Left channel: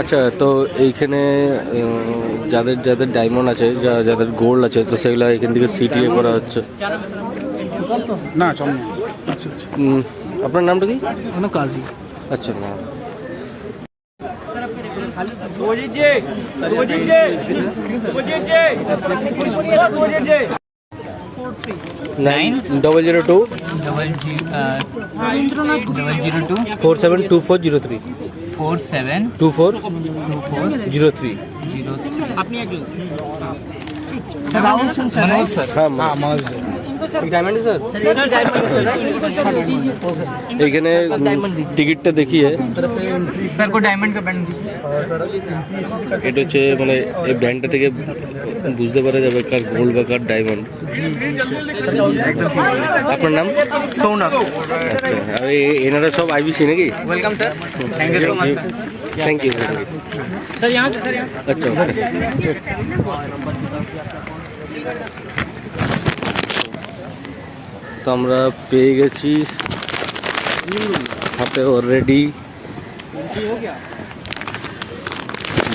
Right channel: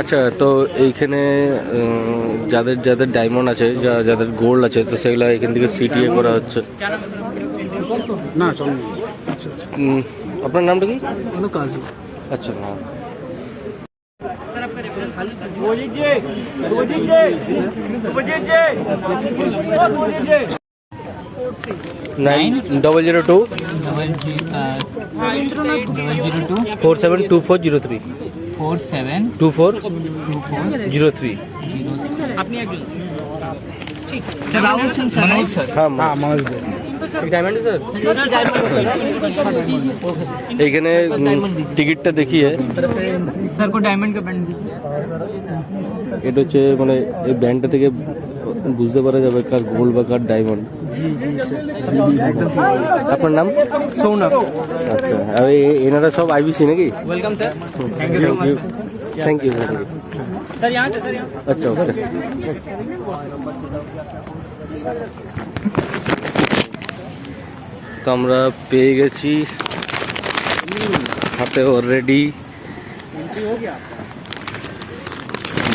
আচ্ছা, তো এইখানে যাদের যাদের ডায়মন্ড আছে, যাদের গোল্ড আছে, তো সেগুলো এখান থেকে সিটিএ করা হচ্ছে না? আপনার নামটা কি? কাজী। আচ্ছা, না 9002 472403 472403। এইখানে টিকিটটা দেখিয়ে सर को डायमंड का बैंड এটা হচ্ছে মানে এই ব্যান্ডটা থেকে বুঝতে পারা যাবে কার গোল্ড বা কার ডায়মন্ড। আপনার নাম? सोना। আচ্ছা, আর এনারা সব আইবিসি নাকি? Welcome sir. Thank you thank you. Sir यहाँ से আচ্ছা, ওকে। তো আমরা পেয়ে গেছি হাতে অলরেডি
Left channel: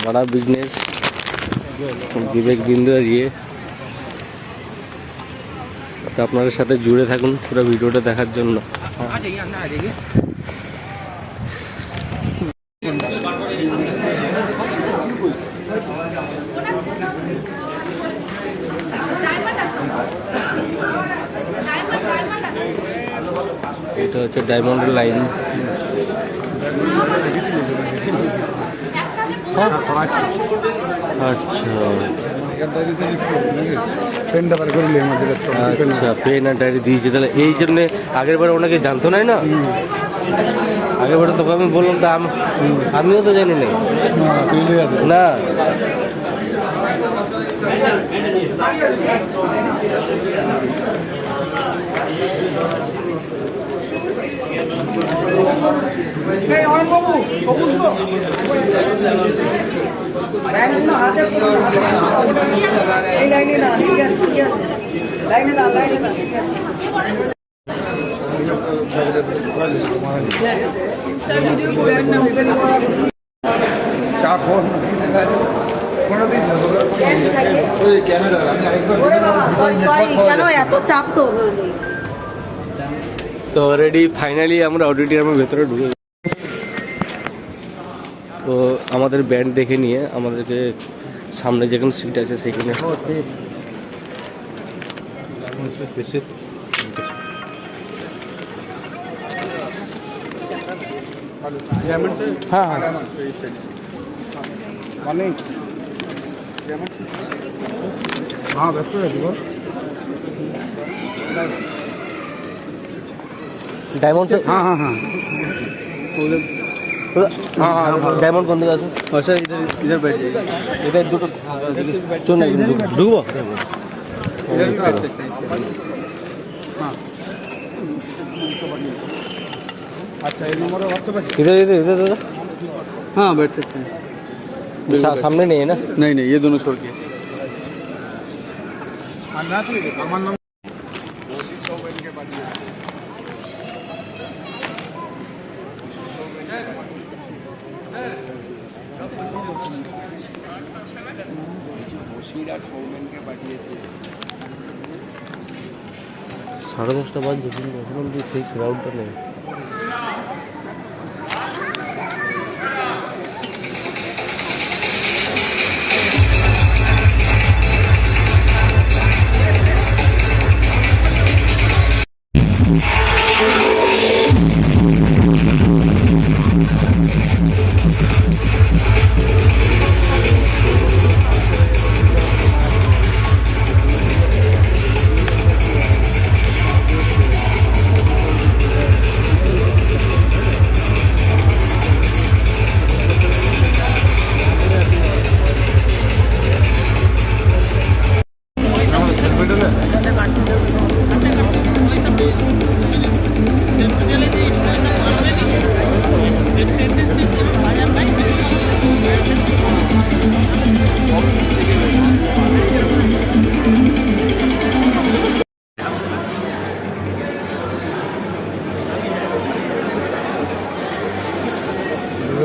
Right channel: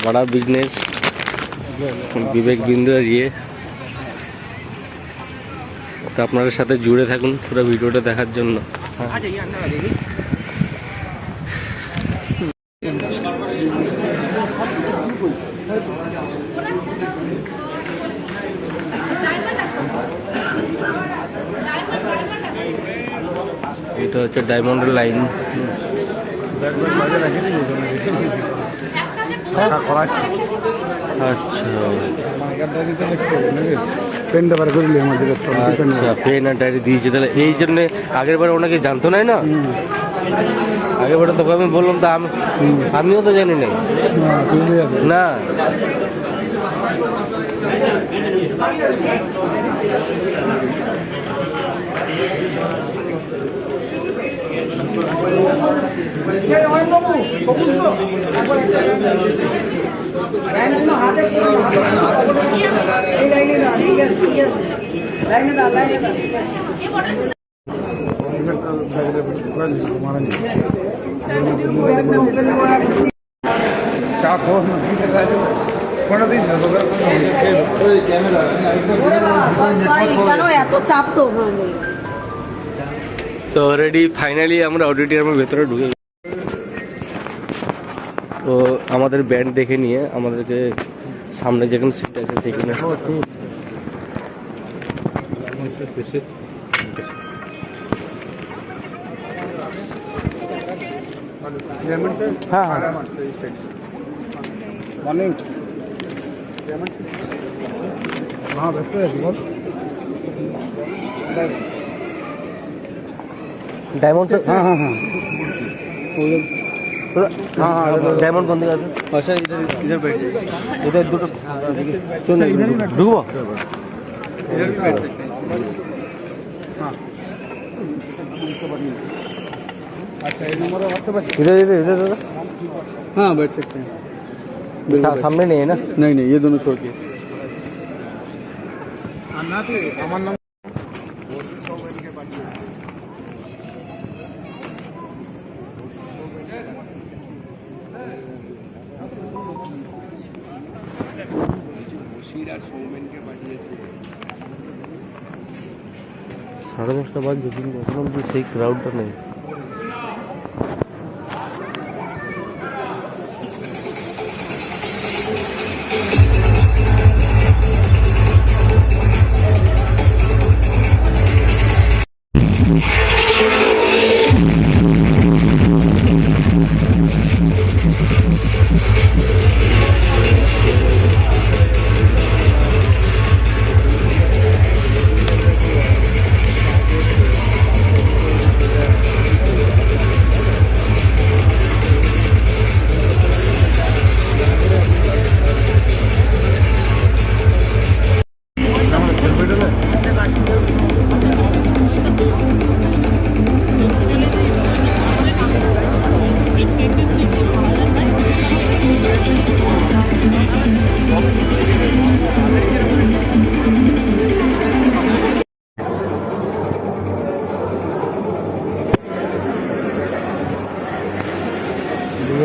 बड़ा बिजनेस বিবেক বিন্দু দিয়ে। তো আপনাদের সাথে জুড়ে থাকুন পুরো ভিডিওটা দেখার জন্য। এটা হচ্ছে ডায়মন্ডের লাইন। আচ্ছা, পেন আর ডায়েরি দিয়েছে, তাহলে এই জন্য আগের বারে ওনাকে জানতো না, না আগের বারে তোকে আমি বললাম, তা আমিও তো জানি না। তো অলরেডি ফাইনালি আমরা অডিটোরিয়ামের ভেতরে ঢুকে গেছি। তো আমাদের ব্যান্ড দেখে নিয়ে আমাদেরকে সামনে যেখানে সিট আছে সেখানে হ্যাঁ डायमंड से हाँ हाँ हाँ हाँ डायमंड कौन सा सर? इधर इधर बैठ जाइए, इधर दो चलो डूबो अच्छा, इधर इधर इधर इधर हाँ बैठ सकते हैं। सामने नहीं है ना? नहीं नहीं, ये दोनों छोड़ के। साढ़े 10টা বাজে, কিন্তু এখন অব্দি সেই ক্রাউডটা নেই।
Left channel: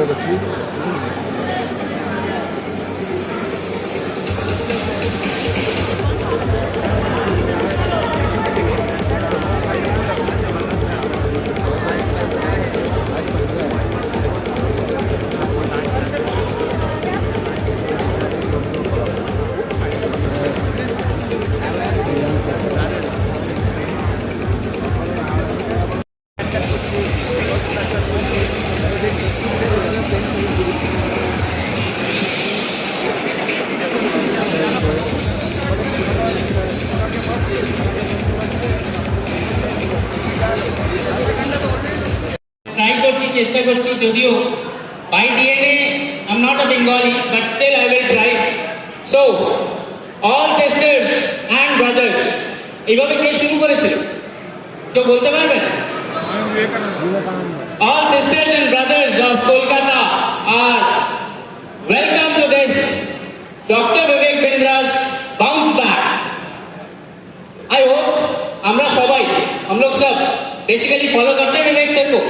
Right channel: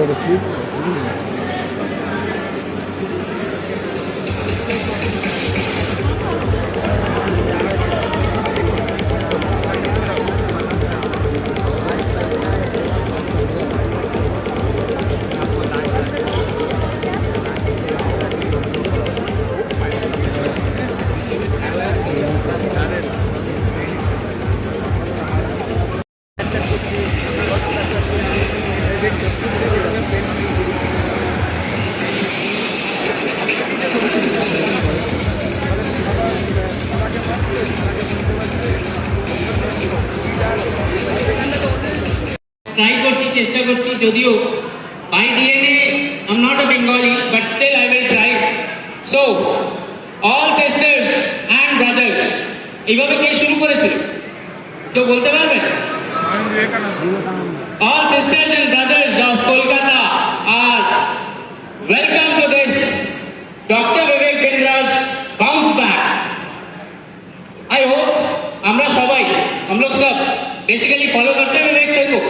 the ট্রাই করছি, চেষ্টা করছি, যদিও by DNA I am not a Bengali, but still I will try. So all sisters and brothers, এইভাবে কে শুরু করেছিল কেউ বলতে পারবেন? All sisters and brothers of Kolkata are welcome to this Dr. Vivek Bindra's bounce back. I hope আমরা সবাই, हम लोग सब बेसिकली फॉलो करते हैं विवेक सर को।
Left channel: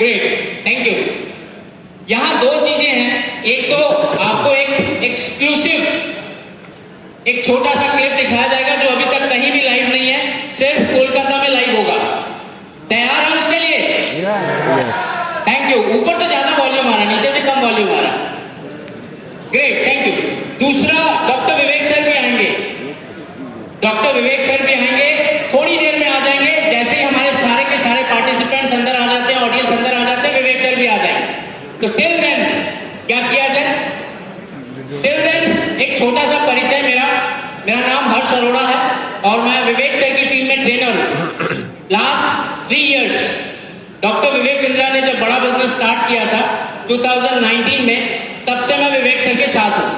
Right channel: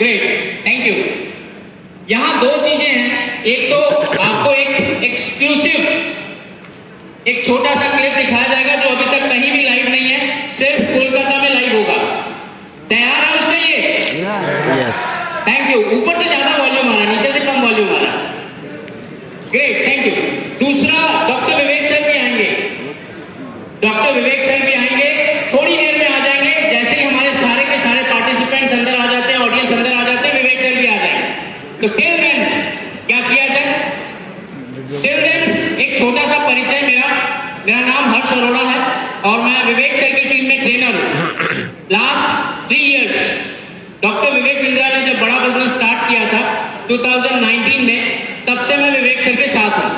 Great, thank you. यहाँ दो चीजें हैं, एक तो आपको एक एक्सक्लूसिव एक छोटा सा क्लिप दिखाया जाएगा जो अभी तक कहीं भी लाइव नहीं है, सिर्फ कोलकाता में लाइव होगा। तैयार है उसके लिए? यस। Thank you. ऊपर से ज्यादा वॉल्यूम आ रहा, नीचे से कम वॉल्यूम आ रहा। Great, thank you. दूसरा, डॉक्टर विवेक सर भी आएंगे, डॉक्टर विवेक सर भी आएंगे, थोड़ी देर में आ जाएंगे। जैसे ही हमारे सारे के सारे पार्टिसिपेंट्स अंदर आ जाते हैं, ऑडियंस अंदर आ जाते हैं, विवेक सर भी आ जाएंगे। तो टिल देन क्या किया जाए? टिल देन एक छोटा सा परिचय। मेरा नाम हर्ष अरोड़ा है और मैं विवेक सर की टीम में ट्रेनर हूँ। Last 3 years doctor Vivek Bindra ने जब बड़ा बिजनेस स्टार्ट किया था 2019 में, तब से मैं विवेक सर के साथ हूँ।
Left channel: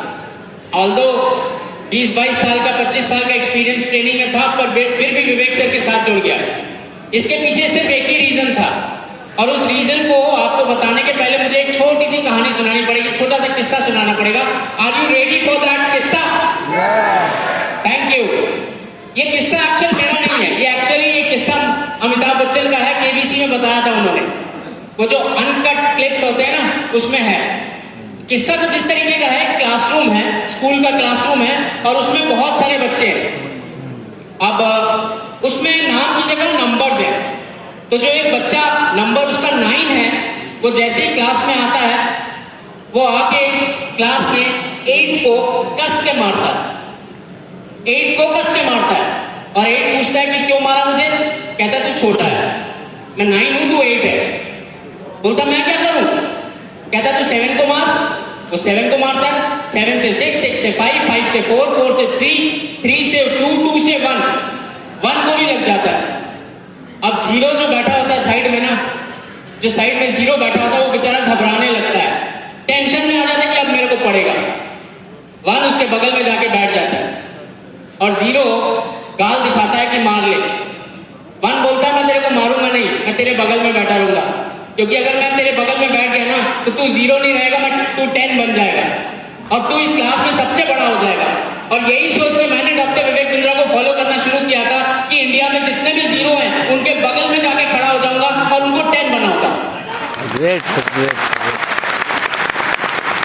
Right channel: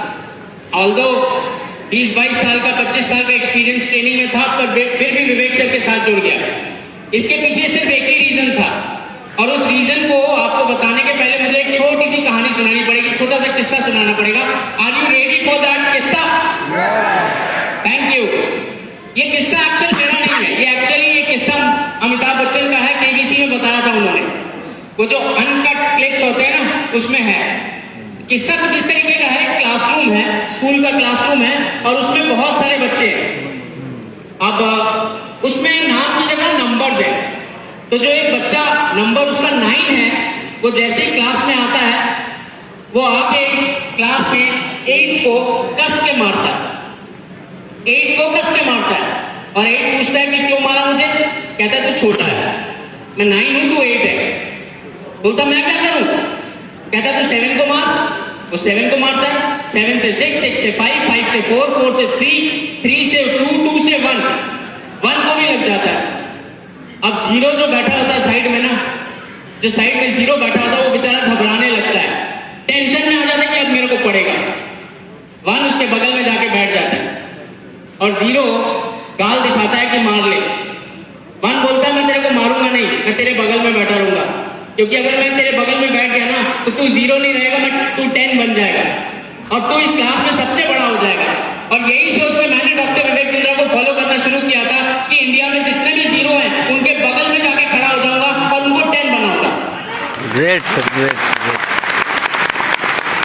ऑल्दो 20-22 साल का, 25 साल का एक्सपीरियंस ट्रेनिंग में था, पर फिर भी विवेक सर के साथ जुड़ गया। इसके पीछे सिर्फ एक ही रीजन था, और उस रीजन को आपको बताने के पहले मुझे एक छोटी सी कहानी सुनानी पड़ेगी, छोटा सा किस्सा सुनाना पड़ेगा। Are you ready for that किस्सा? Thank you. ये किस्सा एक्चुअल मेरा नहीं है, ये एक्चुअली ये किस्सा अमिताभ बच्चन का है, केबीसी में बताया था उन्होंने। वो जो अनकट क्लिप्स होते हैं ना, उसमें है। किस्सा कुछ इस तरीके का है, क्लासरूम है, स्कूल का क्लासरूम है, और उसमें बहुत सारे बच्चे हैं। अब उसमें नाम की जगह नंबर्स है, तो जो एक बच्चा नंबर उसका 9 है, वो जैसे ही क्लास में आता है, वो आके क्लास में 8 को कस के मारता है, 8 को कस के मारता है, और 8 पूछता है कि क्यों मारा मुझे? कहता है तू छोटा है, मैं 9 हूं, तू 8 है। बोलता मैं क्या करूं? कहता तू 7 को मार। वो 7 को मारता है, 7 से 6, 6 से 5, 5 से 4, 4 से 3, 3 से 2, 2 से 1 को भी लग जाता है। अब जीरो जो बैठा होता है साइड में ना, जो साइड में जीरो बैठा होता है, वो बेचारा घबराने लगता है, टेंशन में आ जाता है कि अब मेरे को पड़ेगा। 1 उसके बगल में जाके बैठ जाता है, और जीरो गाल दिखाता है कि मार ले। 1 बोलता है मैं तेरे को मारूंगा नहीं, मैं तेरे बगल में बैठा रहूंगा, क्योंकि अगर मैं तेरे बगल में बैठ गया ना, तो तू 0 नहीं रहेगा, बट तू 10 बन जाएगा, और तू इस क्लास में सबसे बड़ा हो जाएगा। और यही सोच के मैंने डॉक्टर विवेक बिंद्रा को फॉलो करना शुरू किया था कि इंडिया में जितने भी जीरो हैं, उनके बगल में जाके खड़ा हो जाऊंगा और उनको 10 बनाऊंगा। Great sir, great.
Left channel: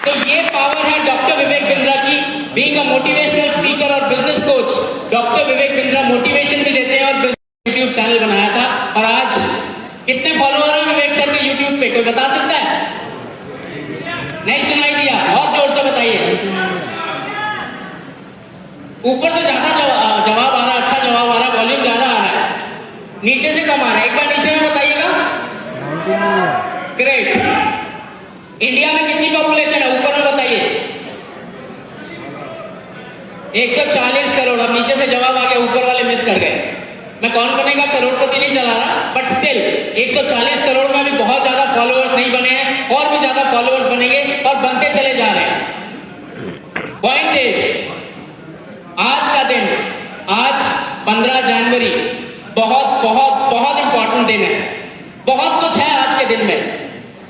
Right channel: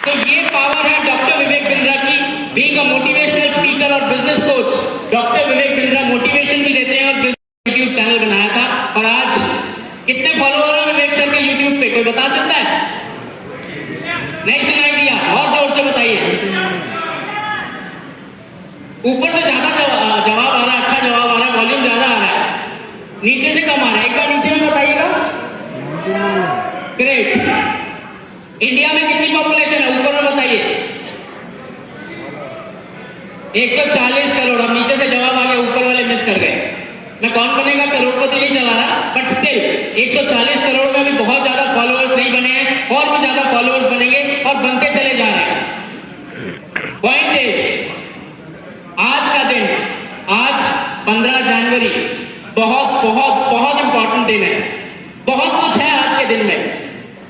तो ये पावर है डॉक्टर विवेक बिंद्रा की। बीइंग अ मोटिवेशनल स्पीकर और business coach, doctor Vivek Bindra motivation भी देते हैं, और यूट्यूब चैनल बनाया था। और आज कितने फॉलोअर हैं विवेक सर के यूट्यूब पे, कोई बता सकता है? नहीं सुनाई दिया? और जोर से बताइए। ऊपर से ज्यादा जवाब आ रहा है, अच्छा जवाब आ रहा है, वॉल्यूम ज्यादा आ रहा है, नीचे से कम आ रहा है। एक बार नीचे में बताइएगा। ग्रेट। इंडिया में कितनी पॉपुलेशन है, ऊपर में बताइए। 140 करोड़। अब नीचे से जवाब आ गया, ऊपर वाले मिस कर गए। मैं कौन बनेगा करोड़पति नहीं चला रहा, बट स्टिल 140 करोड़ में भी बहुत ज्यादा फॉलोअर्स नहीं बने हैं, और भी ज्यादा फॉलोअर्स बनेंगे और बनते चले जा रहे हैं। पॉइंट इज, आज का दिन, आज 15 जनवरी बहुत बहुत बहुत इंपॉर्टेंट दिन है। बहुत कुछ है आज के दिन में।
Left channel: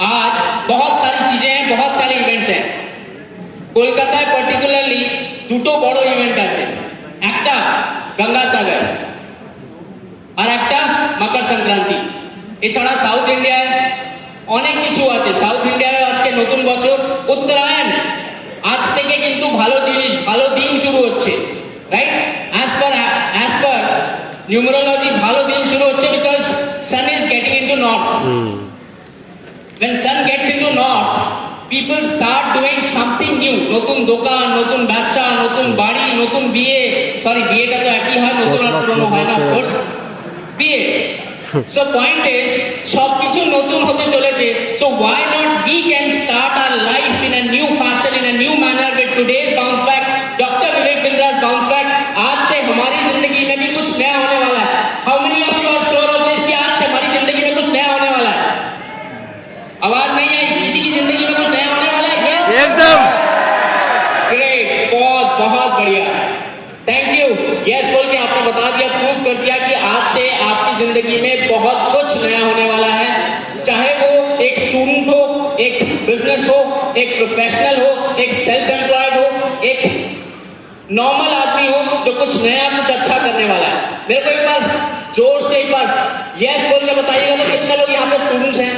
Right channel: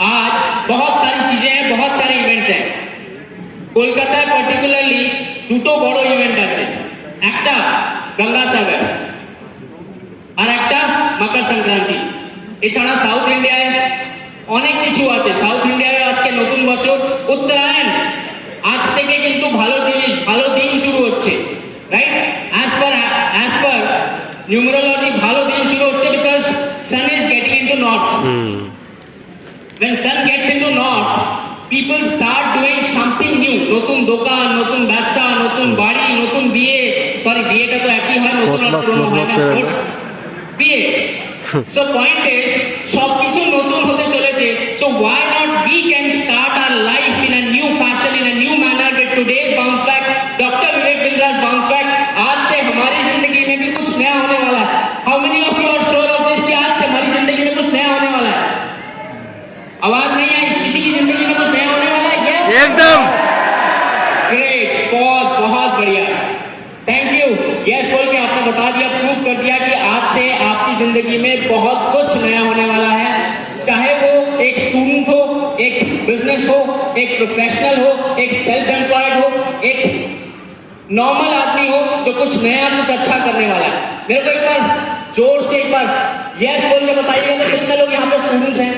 आज बहुत सारी चीजें हैं, बहुत सारे इवेंट्स हैं। কলকাতায় পার্টিকুলারলি দুটো বড় ইভেন্ট আছে, একটা গঙ্গাসাগর আর একটা মকর সংক্রান্তি। এছাড়া সাউথ ইন্ডিয়ায় অনেক কিছু আছে সাউথ ইন্ডিয়ায় আজকে নতুন বছর উত্তরায়ণ আজ থেকে কিন্তু ভালো জিনিস ভালো দিন শুরু হচ্ছে রাইট অ্যাজ পার নিউমেরোলজি ভালো দিন শুরু হচ্ছে because sun is getting into north when sun gets into north people start doing something new নতুন দোকান নতুন ব্যবসা নতুন বাড়ি নতুন বিয়ে সরি বিয়েটা তো একই হয় নতুন হয় না বিয়ে so point is সবকিছু নতুন হতে চলেছে so why not we can start our life in a new fashion in a new manner with today's bounce back Dr. Vivek Bindra's bounce back आज से हमारी जिंदगी में भी कुछ नया होने वाला है how many of you are sure of this कि आज से हमारी जिंदगी में कुछ नया होने वाला है आवाज नहीं आई किसी की जिंदगी में कुछ नया होने वाला है yes एकदम ग्रेट बहुत बढ़िया थैंक यू यस बोल के आपने बता दिया प्रूफ कर दिया कि आज से आपकी जिंदगी में बहुत कुछ नया होने वाला है चाहे वो एक स्टूडेंट हो एक बिजनेस हो एक प्रोफेशनल हो एक सेल्फ एम्प्लॉयड हो एक नॉर्मल आदमी हो जो कुछ नया कुछ अच्छा करने वाला है मेरे को एक बार जोर से एक बार यस बोल के बताइएगा तो कितने लोग यहाँ पे स्टूडेंट्स हैं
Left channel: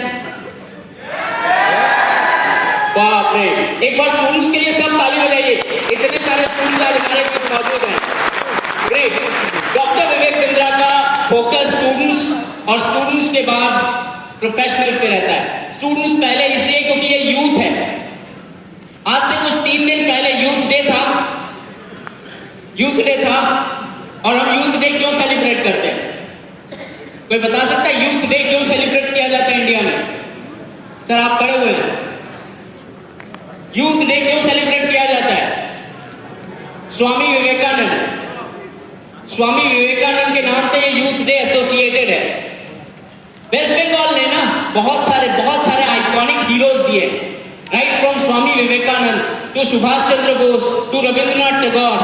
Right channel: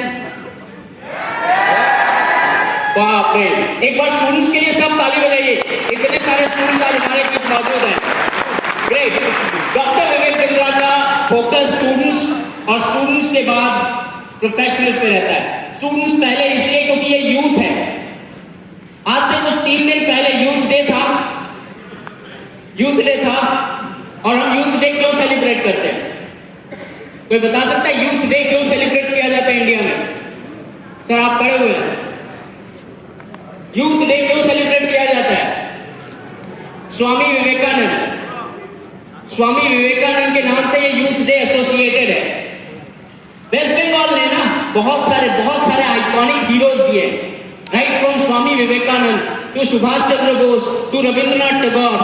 बाप रे एक बार स्टूडेंट्स के लिए सब ताली बजाइए इतने सारे स्टूडेंट्स आज हमारे पास मौजूद हैं ग्रेट डॉक्टर विवेक बिंद्रा का फोकस स्टूडेंट्स और स्टूडेंट्स के बाद प्रोफेशनल्स पे रहता है स्टूडेंट्स पहले इसलिए क्योंकि ये यूथ है आज से कुछ 3 दिन पहले यूथ डे था और हम यूथ डे क्यों सेलिब्रेट करते हैं कोई बता सकता है यूथ डे क्यों सेलिब्रेट किया जाता है इंडिया में सर आप खड़े हुए हैं यूथ डे क्यों सेलिब्रेट किया जाता है स्वामी विवेकानंद के नाम से ये यूथ डे एसोसिएटेड है वेस्ट बंगाल ने ना बहुत सारे आइकॉनिक हीरोज दिए right from Swami Vivekananda to Subhash Chandra Bose to Rabindranath Tagore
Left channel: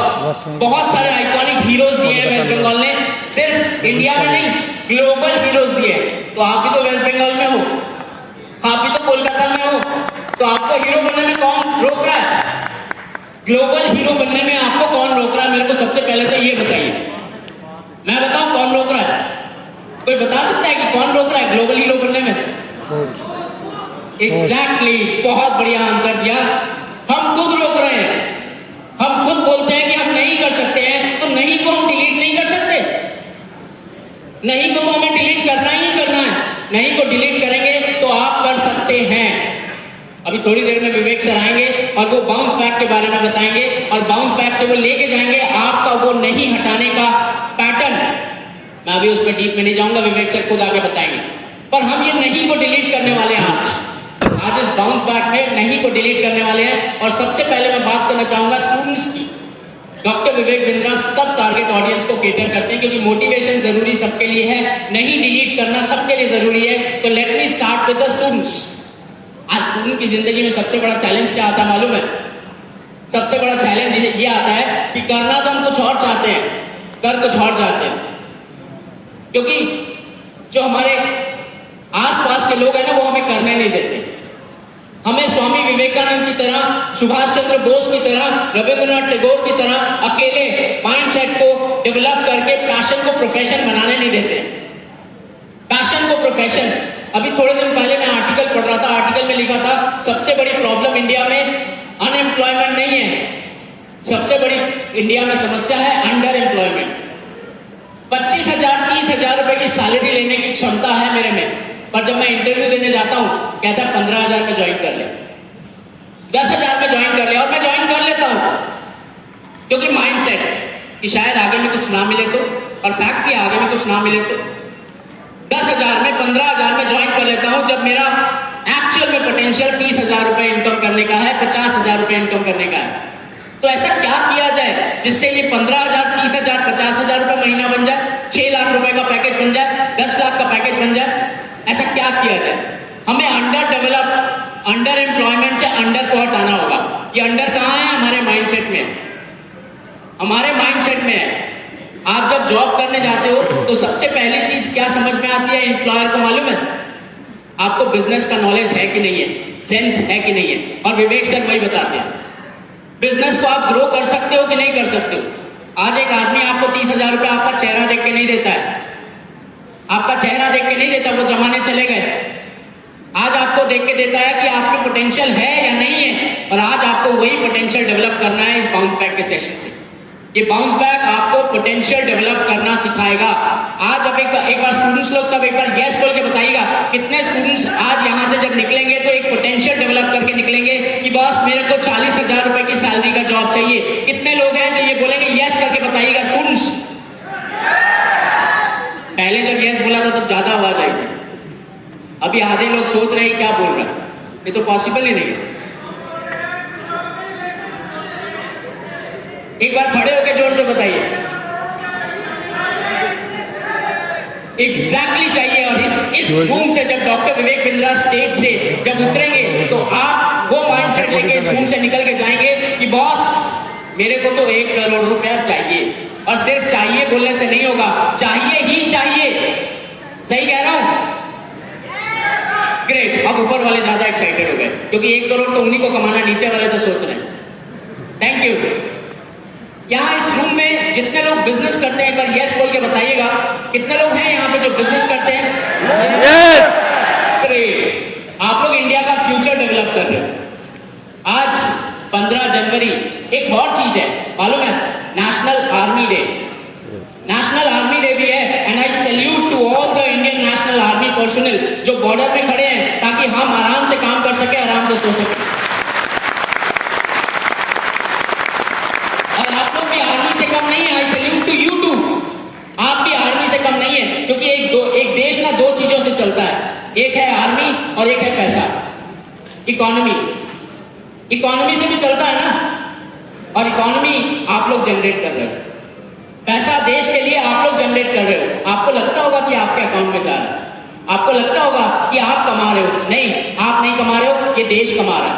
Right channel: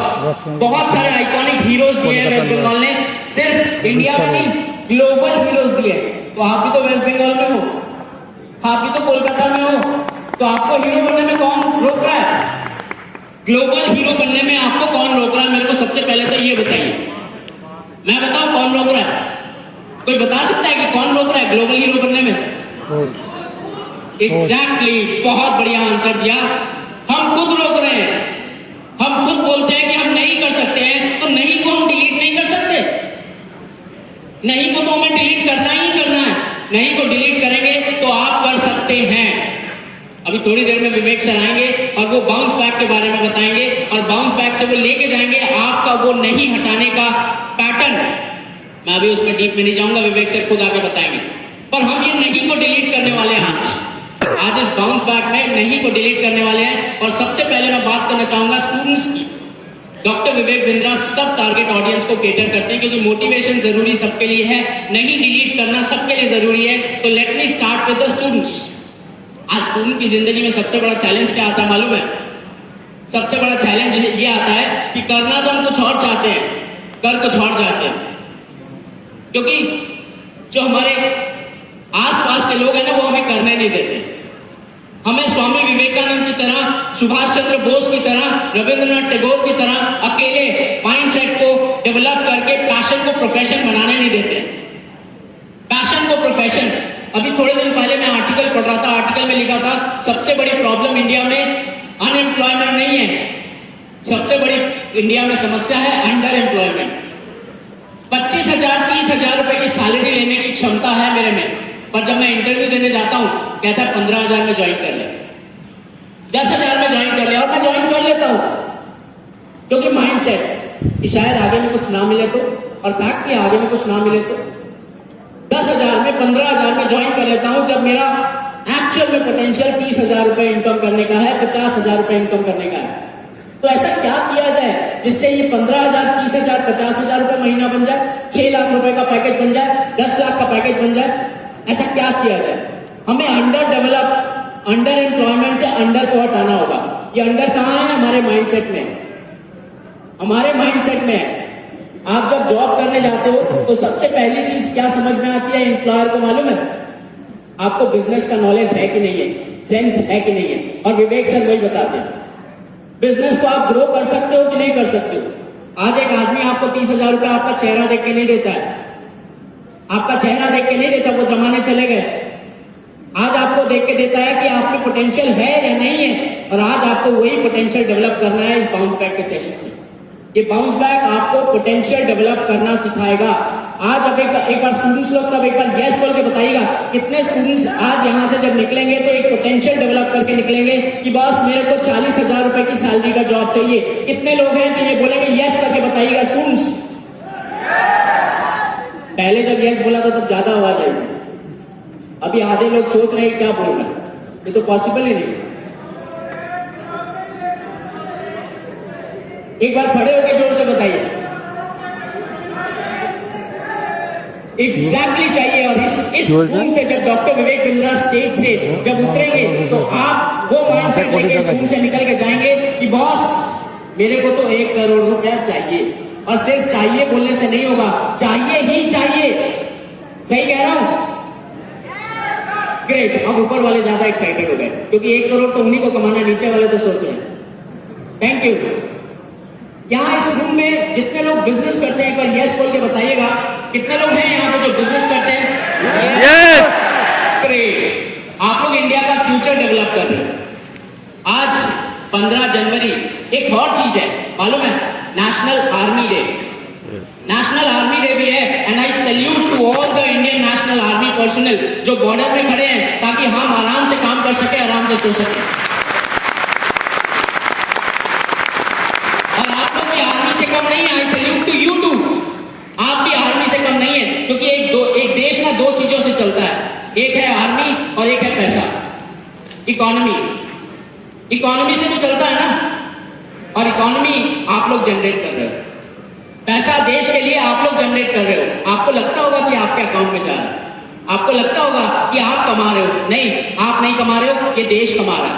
बहुत सारे आइकॉनिक हीरोज दिए हैं वेस्ट बंगाल ने सिर्फ इंडिया में नहीं ग्लोबल हीरोज दिए तो आप भी तो वेस्ट बंगाल में हो आप भी तो कोलकाता में हो तो आपको हीरो बनने में कौन रोक रहा है ग्लोबल हीरो बनने में आपको कौन रोक रहा है मेरे को सबसे पहले तो ये बताइए मैं बताऊं कौन रोक रहा है कोई बता सकता है कि कौन रोक रहा है ग्लोबल हीरो बनने में एग्जैक्टली बहुत बढ़िया आंसर दिया हम खुद रोक रहे हैं हम खुद बोलते हैं कि हम नहीं कर सकते हैं तो नहीं को हम डिलीट नहीं कर सकते नहीं को तो हमें डिलीट करना ही करना है नहीं को डिलीट करेंगे तो आप कर सकते हैं अभी थोड़ी देर में विवेक सर आएंगे और वो बाउंस बैक के बारे में बताएंगे और बाउंस बैक से वो लेके जाएंगे आपका वो नहीं हटाने का पैटर्न मैं अभी उसमें डीप में नहीं जाऊंगा विवेक सर खुद आगे बताएंगे पर हम ये नहीं को डिलीट करने वाले हैं आज इस बाउंस बैक में नहीं को डिलीट करने वाले हैं और सबसे पहले मैं बात करना चाहूंगा स्टूडेंट्स की डॉक्टर विवेक बिंद्रा सब टारगेट ऑडियंस को केटर करते हैं क्योंकि मोटिवेशन जरूरी सबके लिए है नहीं डिलीट करना सबके लिए जरूरी है तो let me start with the students आज स्टूडेंट की जिंदगी में सबसे बड़ा चैलेंज क्या आता है मालूम है सबसे बड़ा चैलेंज ये आता है कि करना तो हम कुछ और चाहते हैं कर कुछ और चाहते हैं क्योंकि जो हमारे आसपास के लोग हैं ना वो हमें करने नहीं देते हमें स्वामी विवेकानंद की तरह सुभाष चंद्र बोस की तरह रविंद्रनाथ टैगोर की तरह अकेले माइंडसेट को डेवलप करके पैशन को प्रोफेशन बनाने नहीं देते पैशन को प्रोफेशन अभी थोड़े दिन पहले मैं आर्टिकल पढ़ रहा था आर्टिकल में लिखा था सबसे बड़ी प्रॉब्लम इंडिया में अनएम्प्लॉयमेंट नहीं है सबसे बड़ी इंडिया में समस्या है अंडर एम्प्लॉयमेंट 25,000 30,000 रुपए की सैलरी लेने की क्षमता है मेरे में पर जब मैं इंटरव्यू देने जाता हूं कहता है 15,000 में ज्वाइन कर ले 10,000 में ज्वाइन कर ले और मैं ज्वाइन कर लेता हूं क्योंकि माइंडसेट कि शायद आगे में कुछ ना मिले तो और फैक्ट कि आगे में कुछ ना मिले तो 10,000 में 15,000 में ज्वाइन कर लेता हूं जब मेरा एक्चुअल में पोटेंशियल 30,000 रुपए इनकम करने का है 50,000 रुपए इनकम करने का है तो ऐसा क्या किया जाए जिससे ये 15,000 30,000 50,000 रुपए महीना बन जाए 6 लाख रुपए का पैकेज बन जाए 10 लाख का पैकेज बन जाए ऐसा क्या किया जाए हमें अंडर एम्प्लॉयमेंट से अंडर को हटाना होगा ये अंडर कहां है हमारे माइंडसेट में है आप जब जॉब करने जाते हो तो सबसे पहली चीज क्या समझ में आती है एम्प्लॉयर को मालूम है आपको बिजनेस का नॉलेज है कि नहीं है सेंस है कि नहीं है और विवेक सर वही बताते हैं बिजनेस को आप ग्रो कर सकते हो कि नहीं कर सकते हो आज एक आदमी आपको 30,000 रुपए आपका चेहरा देख के नहीं देता है आपका चेहरा देख के नहीं देता वो जमाने चले गए आज आपको देख के देता है कि आपकी पोटेंशियल है या नहीं है, और आज आपको वही पोटेंशियल डेवलप करना है इस बाउंस बैक के सेशन से। ये बाउंस बैक आपको पोटेंशियल डेवलप करना सिखाएगा। आज अब एक बार स्टूडेंट्स लोग सब एक बार यस बोल के बताइएगा, कितने स्टूडेंट्स आज यहाँ से जब निकलेंगे तो एक पोटेंशियल डेवलप करके निकलेंगे कि बॉस मेरे को 40,000 रुपए की सैलरी का जॉब चाहिए। कितने लोग हैं जो ये बोलेंगे यस करके बताइएगा स्टूडेंट्स। पहले जब यस बोला था तब ज्यादा आवाज आई थी, अभी आधे लोग सोच रहे हैं क्या बोल रहे हैं, ये तो पॉसिबल ही नहीं है। एक बार खड़े होकर जोर से बताइए एग्जैक्टली चाहिए। और इस रूम से जब डॉक्टर विवेक बिंद्रा स्टेज से जब उतरेंगे तो आप वो माइंडसेट लेके इस रूम से निकल के जाएंगे कि बॉस मेरे को तो 1 करोड़ रुपया चाहिए। और सिर्फ चाहिए बोलने से नहीं होगा, चाहिए ही चाहिए। सही कह रहा हूं? ग्रेट। अब ऊपर वाले ज्यादा एक्साइटेड हो गए क्योंकि 1 करोड़ तो उन्हीं को कमाना, नीचे वाले तो सोच रहे हैं। Thank you. यहाँ इस रूम में जितने लोग बिजनेस करते हैं एक बार यस बोल के बताइएगा, कितने लोग हैं यहाँ पे जो बिजनेस करते हैं? यस। ग्रेट। आप लोग इंडिया का फ्यूचर डेवलप कर रहे हो। आज 15 जनवरी एक और चीज है मालूम है, national army day. National army day भी है and I salute to all the Indian national army personnel जो बॉर्डर पे खड़े हैं ताकि हम आराम से काम कर सके, आराम से सो सके। और आप लोग भी आर्मी से कम नहीं है, I salute to you too. आप भी आर्मी से कम नहीं है क्योंकि एक देश ना 2 चीजों से चलता है, एक है आर्मी और एक है पैसा, इकोनॉमी। इकोनॉमी से भी चलता है ना, और इकोनॉमी आप लोग जनरेट कर रहे हो, पैसा देश के लिए आप लोग जनरेट कर रहे हो। आपको लगता होगा कि आपके अकाउंट में जा रहा है, आपको लगता होगा कि आप कमा रहे हो, नहीं आप नहीं कमा रहे हो, ये देश कमा रहा है,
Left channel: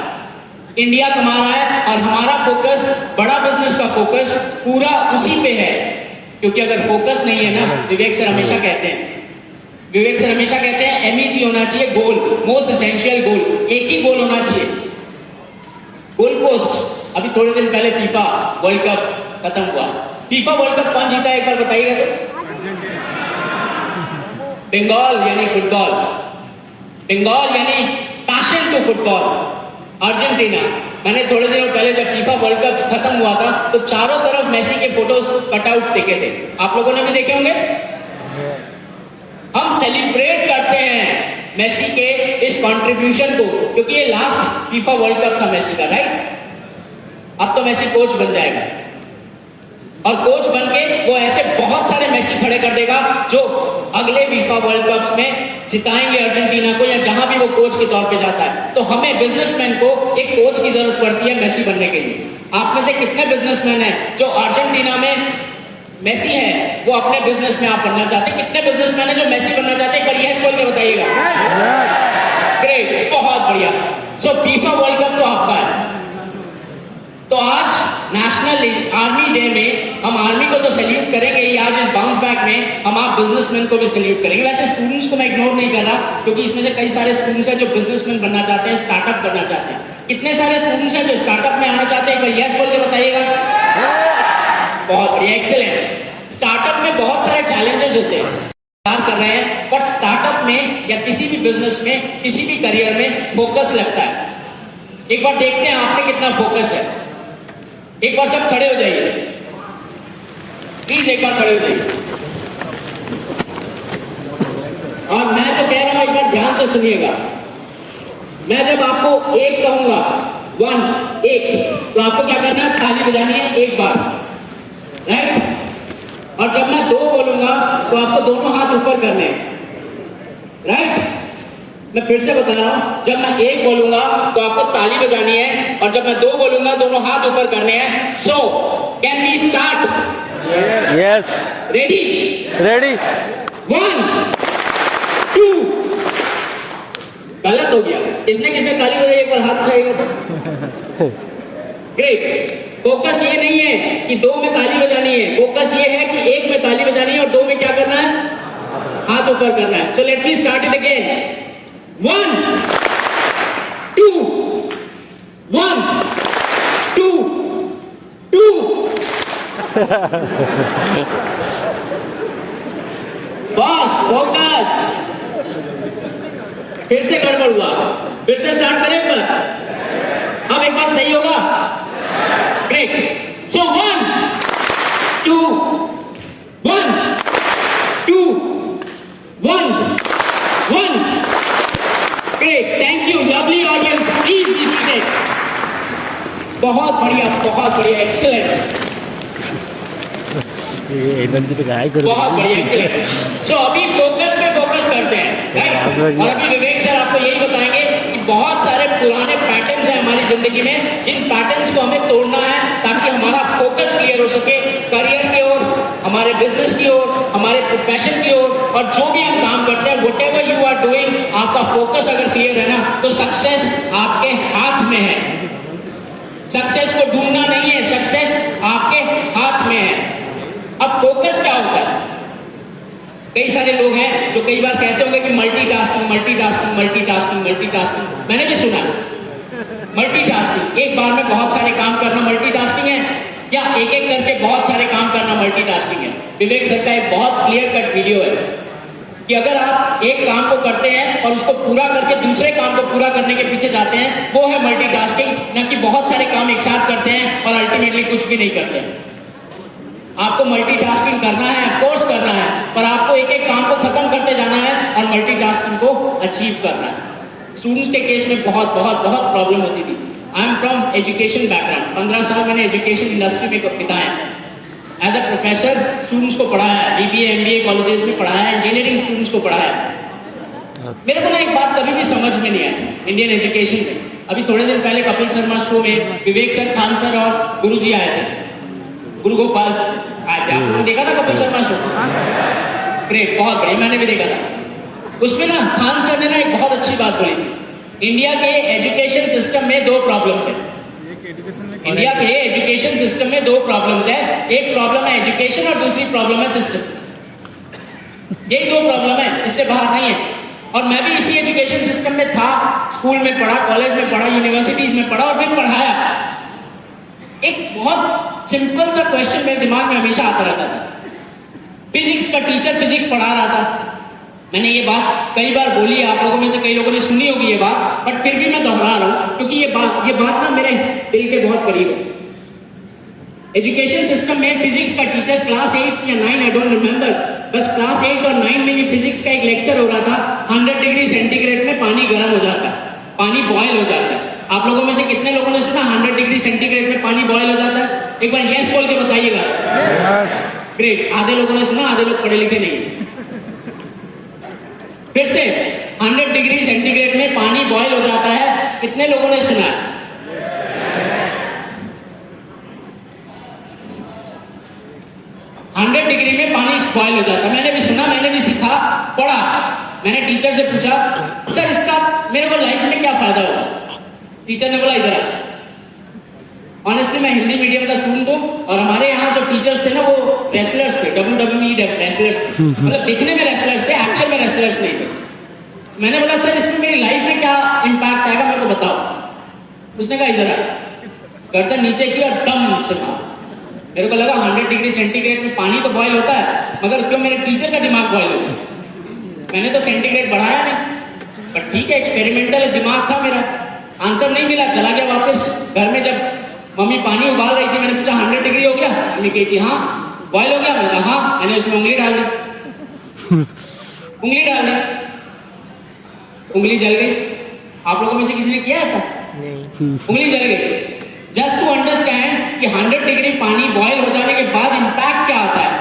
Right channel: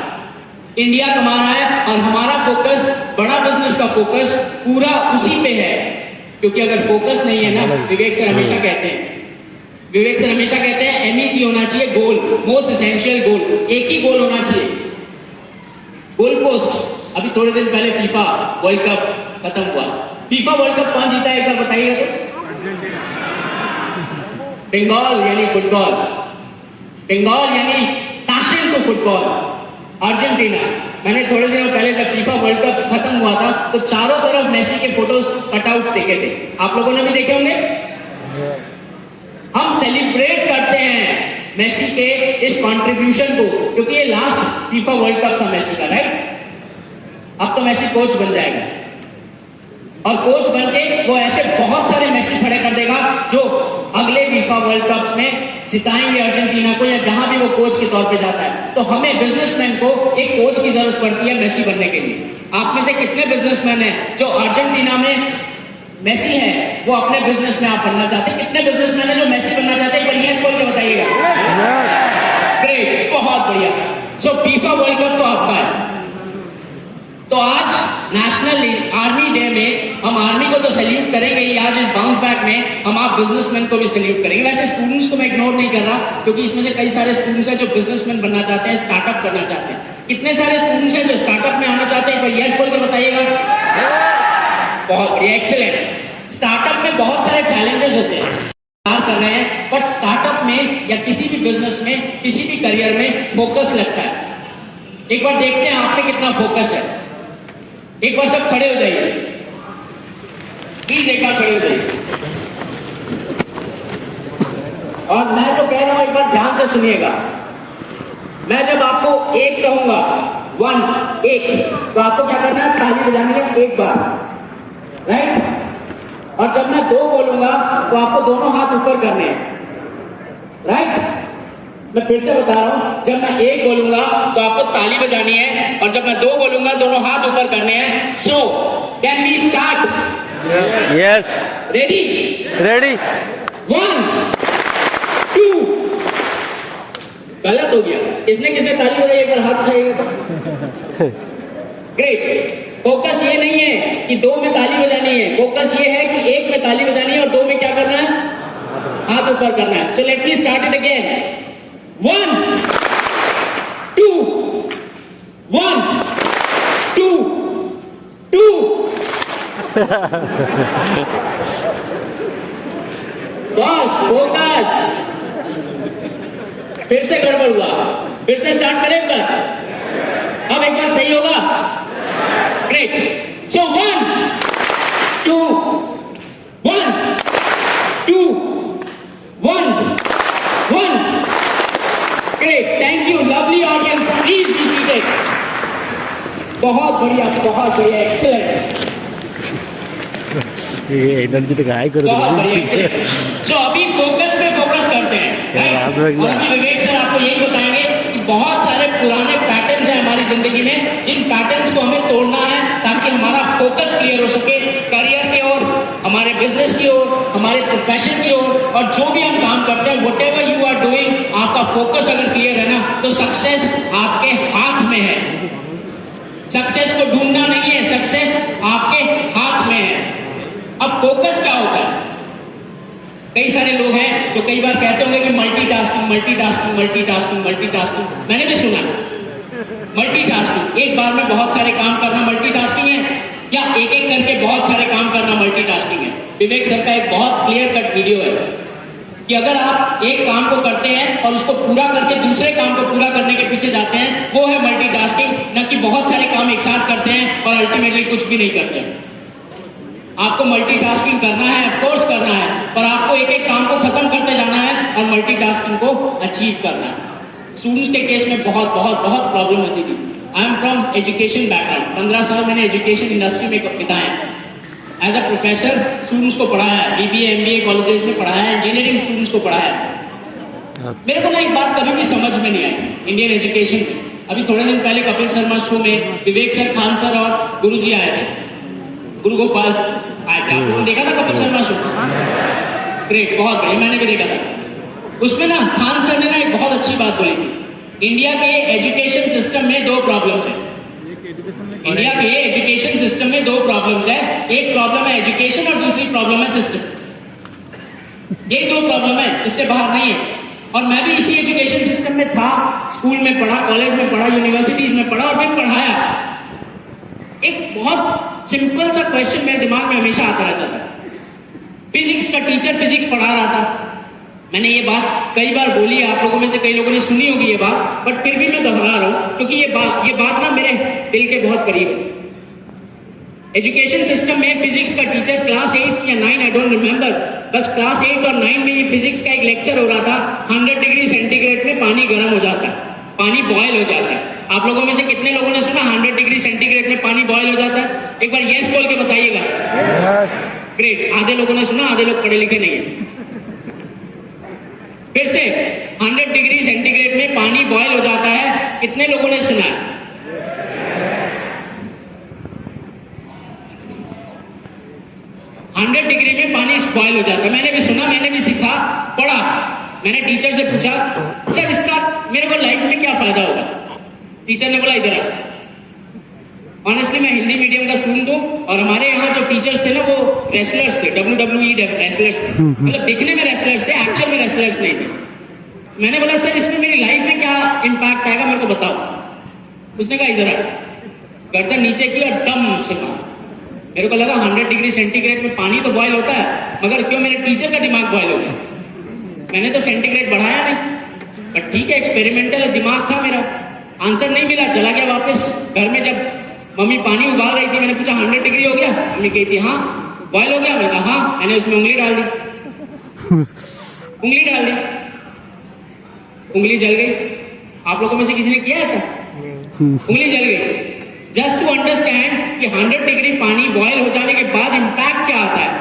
इंडिया कमा रहा है। और हमारा फोकस, बड़ा बिजनेस का फोकस पूरा उसी पे है। क्योंकि अगर फोकस नहीं है ना, विवेक सर हमेशा कहते हैं MEG होना चाहिए, गोल, मोस्ट एसेंशियल गोल। एक ही गोल होना चाहिए, गोल पोस्ट। अभी थोड़े दिन पहले फीफा वर्ल्ड कप खत्म हुआ। फीफा वर्ल्ड कप कौन जीता है एक बार बताइए तो? बंगाल यानी फुटबॉल, बंगाल यानी पैशन टू फुटबॉल, अर्जेंटीना। मैंने थोड़े दिनों पहले जब फीफा वर्ल्ड कप खत्म हुआ था तो चारों तरफ मेसी के फोटोज कटआउट्स देखे थे, आप लोगों ने भी देखे होंगे। हम सेलिब्रेट करते हैं मेसी के इस कंट्रीब्यूशन को क्योंकि ये लास्ट फीफा वर्ल्ड कप था मेसी का, राइट? अब तो मेसी कोच बन जाएगा और कोच बन के वो ऐसे बहुत सारे मेसी खड़े कर देगा जो अगले फीफा वर्ल्ड कप में जिताएंगे अर्जेंटीना को, या जहां भी वो कोच के तौर पे जाता है। तो हमें बिजनेसमैन को एक कोच की जरूरत पड़ती है मेसी बनने के लिए। आप में से कितने बिजनेसमैन हैं जो अर्जेंटीना में मेसी है वो अपने बिजनेस में आप बनना चाहते हैं? कितने बिजनेसमैन हैं जो मेसी बनना चाहते हैं? एक बार यस बोल के बताइएगा। ग्रेट, बहुत बढ़िया। सो फीफा वर्ल्ड कप तो आपका है। तो आज नेशनल आर्मी डे में हम आर्मी को तो सैल्यूट करेंगे ही, आज इस बाउंस बैक में हम आप बिजनेसमैन को भी सैल्यूट करेंगे। वैसे स्टूडेंट्स को मैं इग्नोर नहीं कर रहा क्योंकि इसमें से कई सारे स्टूडेंट्स हैं जो बिजनेसमैन बनना चाहते हैं, स्टार्टअप करना चाहते हैं। कितने सारे स्टूडेंट्स हैं जो स्टार्टअप में आना चाहते हैं? एक बार यस बोल के बताइएगा। बहुत बढ़िया, एक्सीलेंट। स्टार्टअप में बहुत सारे चैलेंजेस होते हैं, कर रहे हैं, बट स्टार्टअप में या किसी भी बिजनेस में, किसी भी करियर में फोकस लगता है। एक बार देखते हैं आप में कितना फोकस है। एक बार सब खड़े हो जाइए प्लीज, एक बार खड़े हो जाइए। और मैं जो कह रहा हूं एक बार ध्यान से सुनिएगा। मैं जब आपको 1 कहूंगा, 1 1, तो आपको क्या करना है? ताली बजानी है 1 बार, राइट? और जब मैं 2 बोलूंगा तो आपको दोनों हाथ ऊपर करने हैं, राइट? मैं फिर से बता रहा हूं, जब मैं 1 बोलूंगा तो आपको ताली बजानी है, और जब मैं 2 बोलूंगा दोनों हाथ ऊपर करने हैं। So can we start? Yes. Ready? Ready. 1 2। गलत हो गया, किसने किसने ताली बजाई? एक बार हाथ उठाइएगा तो। ग्रेट। फोकस ये नहीं है कि 2 में ताली बजानी है, फोकस ये है कि 1 में ताली बजानी है और 2 में क्या करना है? हाथ ऊपर करना है। So let me start it again. 1 2 1 2 2। Boss focus. फिर से गड़बड़ हुआ, फिर से स्टार्ट करें एक बार, अब एक बार सही होगा। Great. So 1 2 1 2 1 1। Great, thank you, lovely audience, please be seated. बहुत बढ़िया, एक्सेलेंट, एकदम की तो गाय कर बहुत बढ़िया, एक्सेलेंट। सो अभी फोकस पे फोकस करते हैं, right? और अभी विवेक सर आपको यही बताएंगे कि बहुत सारे पुराने पैटर्न्स हैं हमारी जिंदगी में, जिन पैटर्न्स को हमें तोड़ना है ताकि हमारा फोकस क्लियर हो सके, करियर की ओर, हमारे बिजनेस की ओर, हमारे प्रोफेशन की ओर, और जो भी हम काम करते हैं, व्हाटएवर यू आर डूइंग, आपका फोकस अगर क्लियर है ना, तो सक्सेस आपके हाथ में है। सक्सेस को ढूंढना नहीं है, सक्सेस आपके हाथ में है। अब फोकस क्या होता है? कई सारे लोग हैं जो कई बार कहते होंगे कि मल्टीटास्किंग, मैंने भी सुना मल्टीटास्किंग, एक बार में बहुत सारे काम करना मल्टीटास्किंग है, या एक एक करके बहुत सारे काम करना मल्टीटास्किंग है। विवेक सर का एक बहुत क्लियर कट वीडियो है कि अगर आप एक काम को करते हैं और उसको पूरा करके दूसरे काम को पूरा करने के पीछे जाते हैं, वो है मल्टीटास्किंग, न कि बहुत सारे काम एक साथ करते हैं और अल्टीमेटली कुछ भी नहीं करते हैं। आपको मल्टीटास्किंग करना है, ऑफ कोर्स करना है, पर आपको एक एक काम को खत्म करते जाना है और मल्टीटास्किंग को अचीव करना है। स्टूडेंट्स के केस में बहुत प्रॉब्लम होती थी। I am from education background, 15 साल मैंने एजुकेशन इंडस्ट्री में बिताया। एज अ प्रोफेसर स्टूडेंट्स को पढ़ाया है, BBA MBA कॉलेजेस में पढ़ाया है, इंजीनियरिंग स्टूडेंट्स को पढ़ाया है। मेरे को ना एक बात कभी भी समझ में नहीं आई इंडियन एजुकेशन में। अभी थोड़े दिन पहले कपिल शर्मा शो में विवेक सर, खान सर और गुरु जी आए थे, गुरु गोपाल आए थे। आपने देखा था कपिल शर्मा शो? ग्रेट, बहुत बढ़िया, मैंने भी देखा था। उसमें ना खान सर ने ना एक बहुत अच्छी बात बोली थी। इंडिया के एजुकेशन सिस्टम में 2 प्रॉब्लम्स है। इंडिया के एजुकेशन सिस्टम में 2 प्रॉब्लम्स है, एक प्रॉब्लम है एजुकेशन और दूसरी प्रॉब्लम है सिस्टम। यही 2 प्रॉब्लम है, इससे बाहर नहीं है। और मैं भी इसी एजुकेशन सिस्टम में था, स्कूल में पढ़ा, कॉलेज में पढ़ा, यूनिवर्सिटीज में पढ़ा और भी पढ़ाया। एक बहुत सिंपल सा क्वेश्चन मेरे दिमाग में हमेशा आता रहता था। फिजिक्स का टीचर फिजिक्स पढ़ा रहा था। मैंने ये बात कई बार बोली है, आप लोगों में से कई लोगों ने सुनी होगी ये बात, बट फिर भी मैं दोहरा रहा हूं क्योंकि ये बात ना मेरे दिल के बहुत करीब है। एजुकेशन सिस्टम में फिजिक्स का टीचर क्लास 8 या 9, आई डोंट रिमेंबर, बस क्लास 8 और 9 में ही फिजिक्स का एक लेक्चर हो रहा था। 100 डिग्री सेंटीग्रेड में पानी गर्म हो जाता है, पानी बॉयल हो जाता है। आप लोगों में से कितने लोगों ने सुना 100 डिग्री सेंटीग्रेड में पानी बॉयल हो जाता है? एक बार यस बोल के बताइएगा। ग्रेट, आधे लोगों ने सुना, आधे लोग पढ़े लिखे नहीं। फिर से 100 डिग्री सेंटीग्रेड में पानी बॉयल हो जाता है, कितने लोगों ने सुना? 100 डिग्री में पानी बॉयल हो जाता है, मैंने भी सुना, मैंने भी सीखा, पढ़ा। मैंने टीचर से पूछा, सर इसका मेरे को लाइफ में क्या फायदा होगा? टीचर ने बोला, इधर आ। ऑनेस्टली मैं हिंदी मीडियम का स्टूडेंट हूँ और हमारे यहाँ जो टीचर्स थे ना वो रेसलर्स थे, WWE रेसलर्स थे, मतलब दिखने में रेसलर्स थे, एक्चुअल में रेसलर्स नहीं थे। मैंने बोला सर इसमें मेरी लाइफ में क्या इम्पैक्ट आएगा मेरे को बताओ। उसने कहा इधर आ, गर्दन नीचे की और दम से कहा। मेरे को लगा 100 डिग्री सेंटीग्रेड में पानी तो बॉयल होता है, मगर क्यों मेरे टीचर का दिमाग बॉयल हो गया? मैंने तो सेंटीग्रेड बढ़ाया नहीं, पर ठीक है, एक्सपेरिमेंटल दिमाग था मेरा। आंसर नहीं मिला, चला गया वापस। घर में जब मम्मी पानी उबाल रही थी, मैंने पूछा 100 डिग्री हो गया? मम्मी कहती हाँ। बॉयल हो गया? मैंने कहा हाँ। मैंने उसमें उंगली डाल दी, उंगली डाल दी, उंगली जल गई। आप लोगों में से किसी ने किया ऐसा? उंगली जल गई। जस्ट टू अंडरस्टैंड कि 100 डिग्री पानी बॉयल हो जाने के बाद इम्पैक्ट क्या आता है।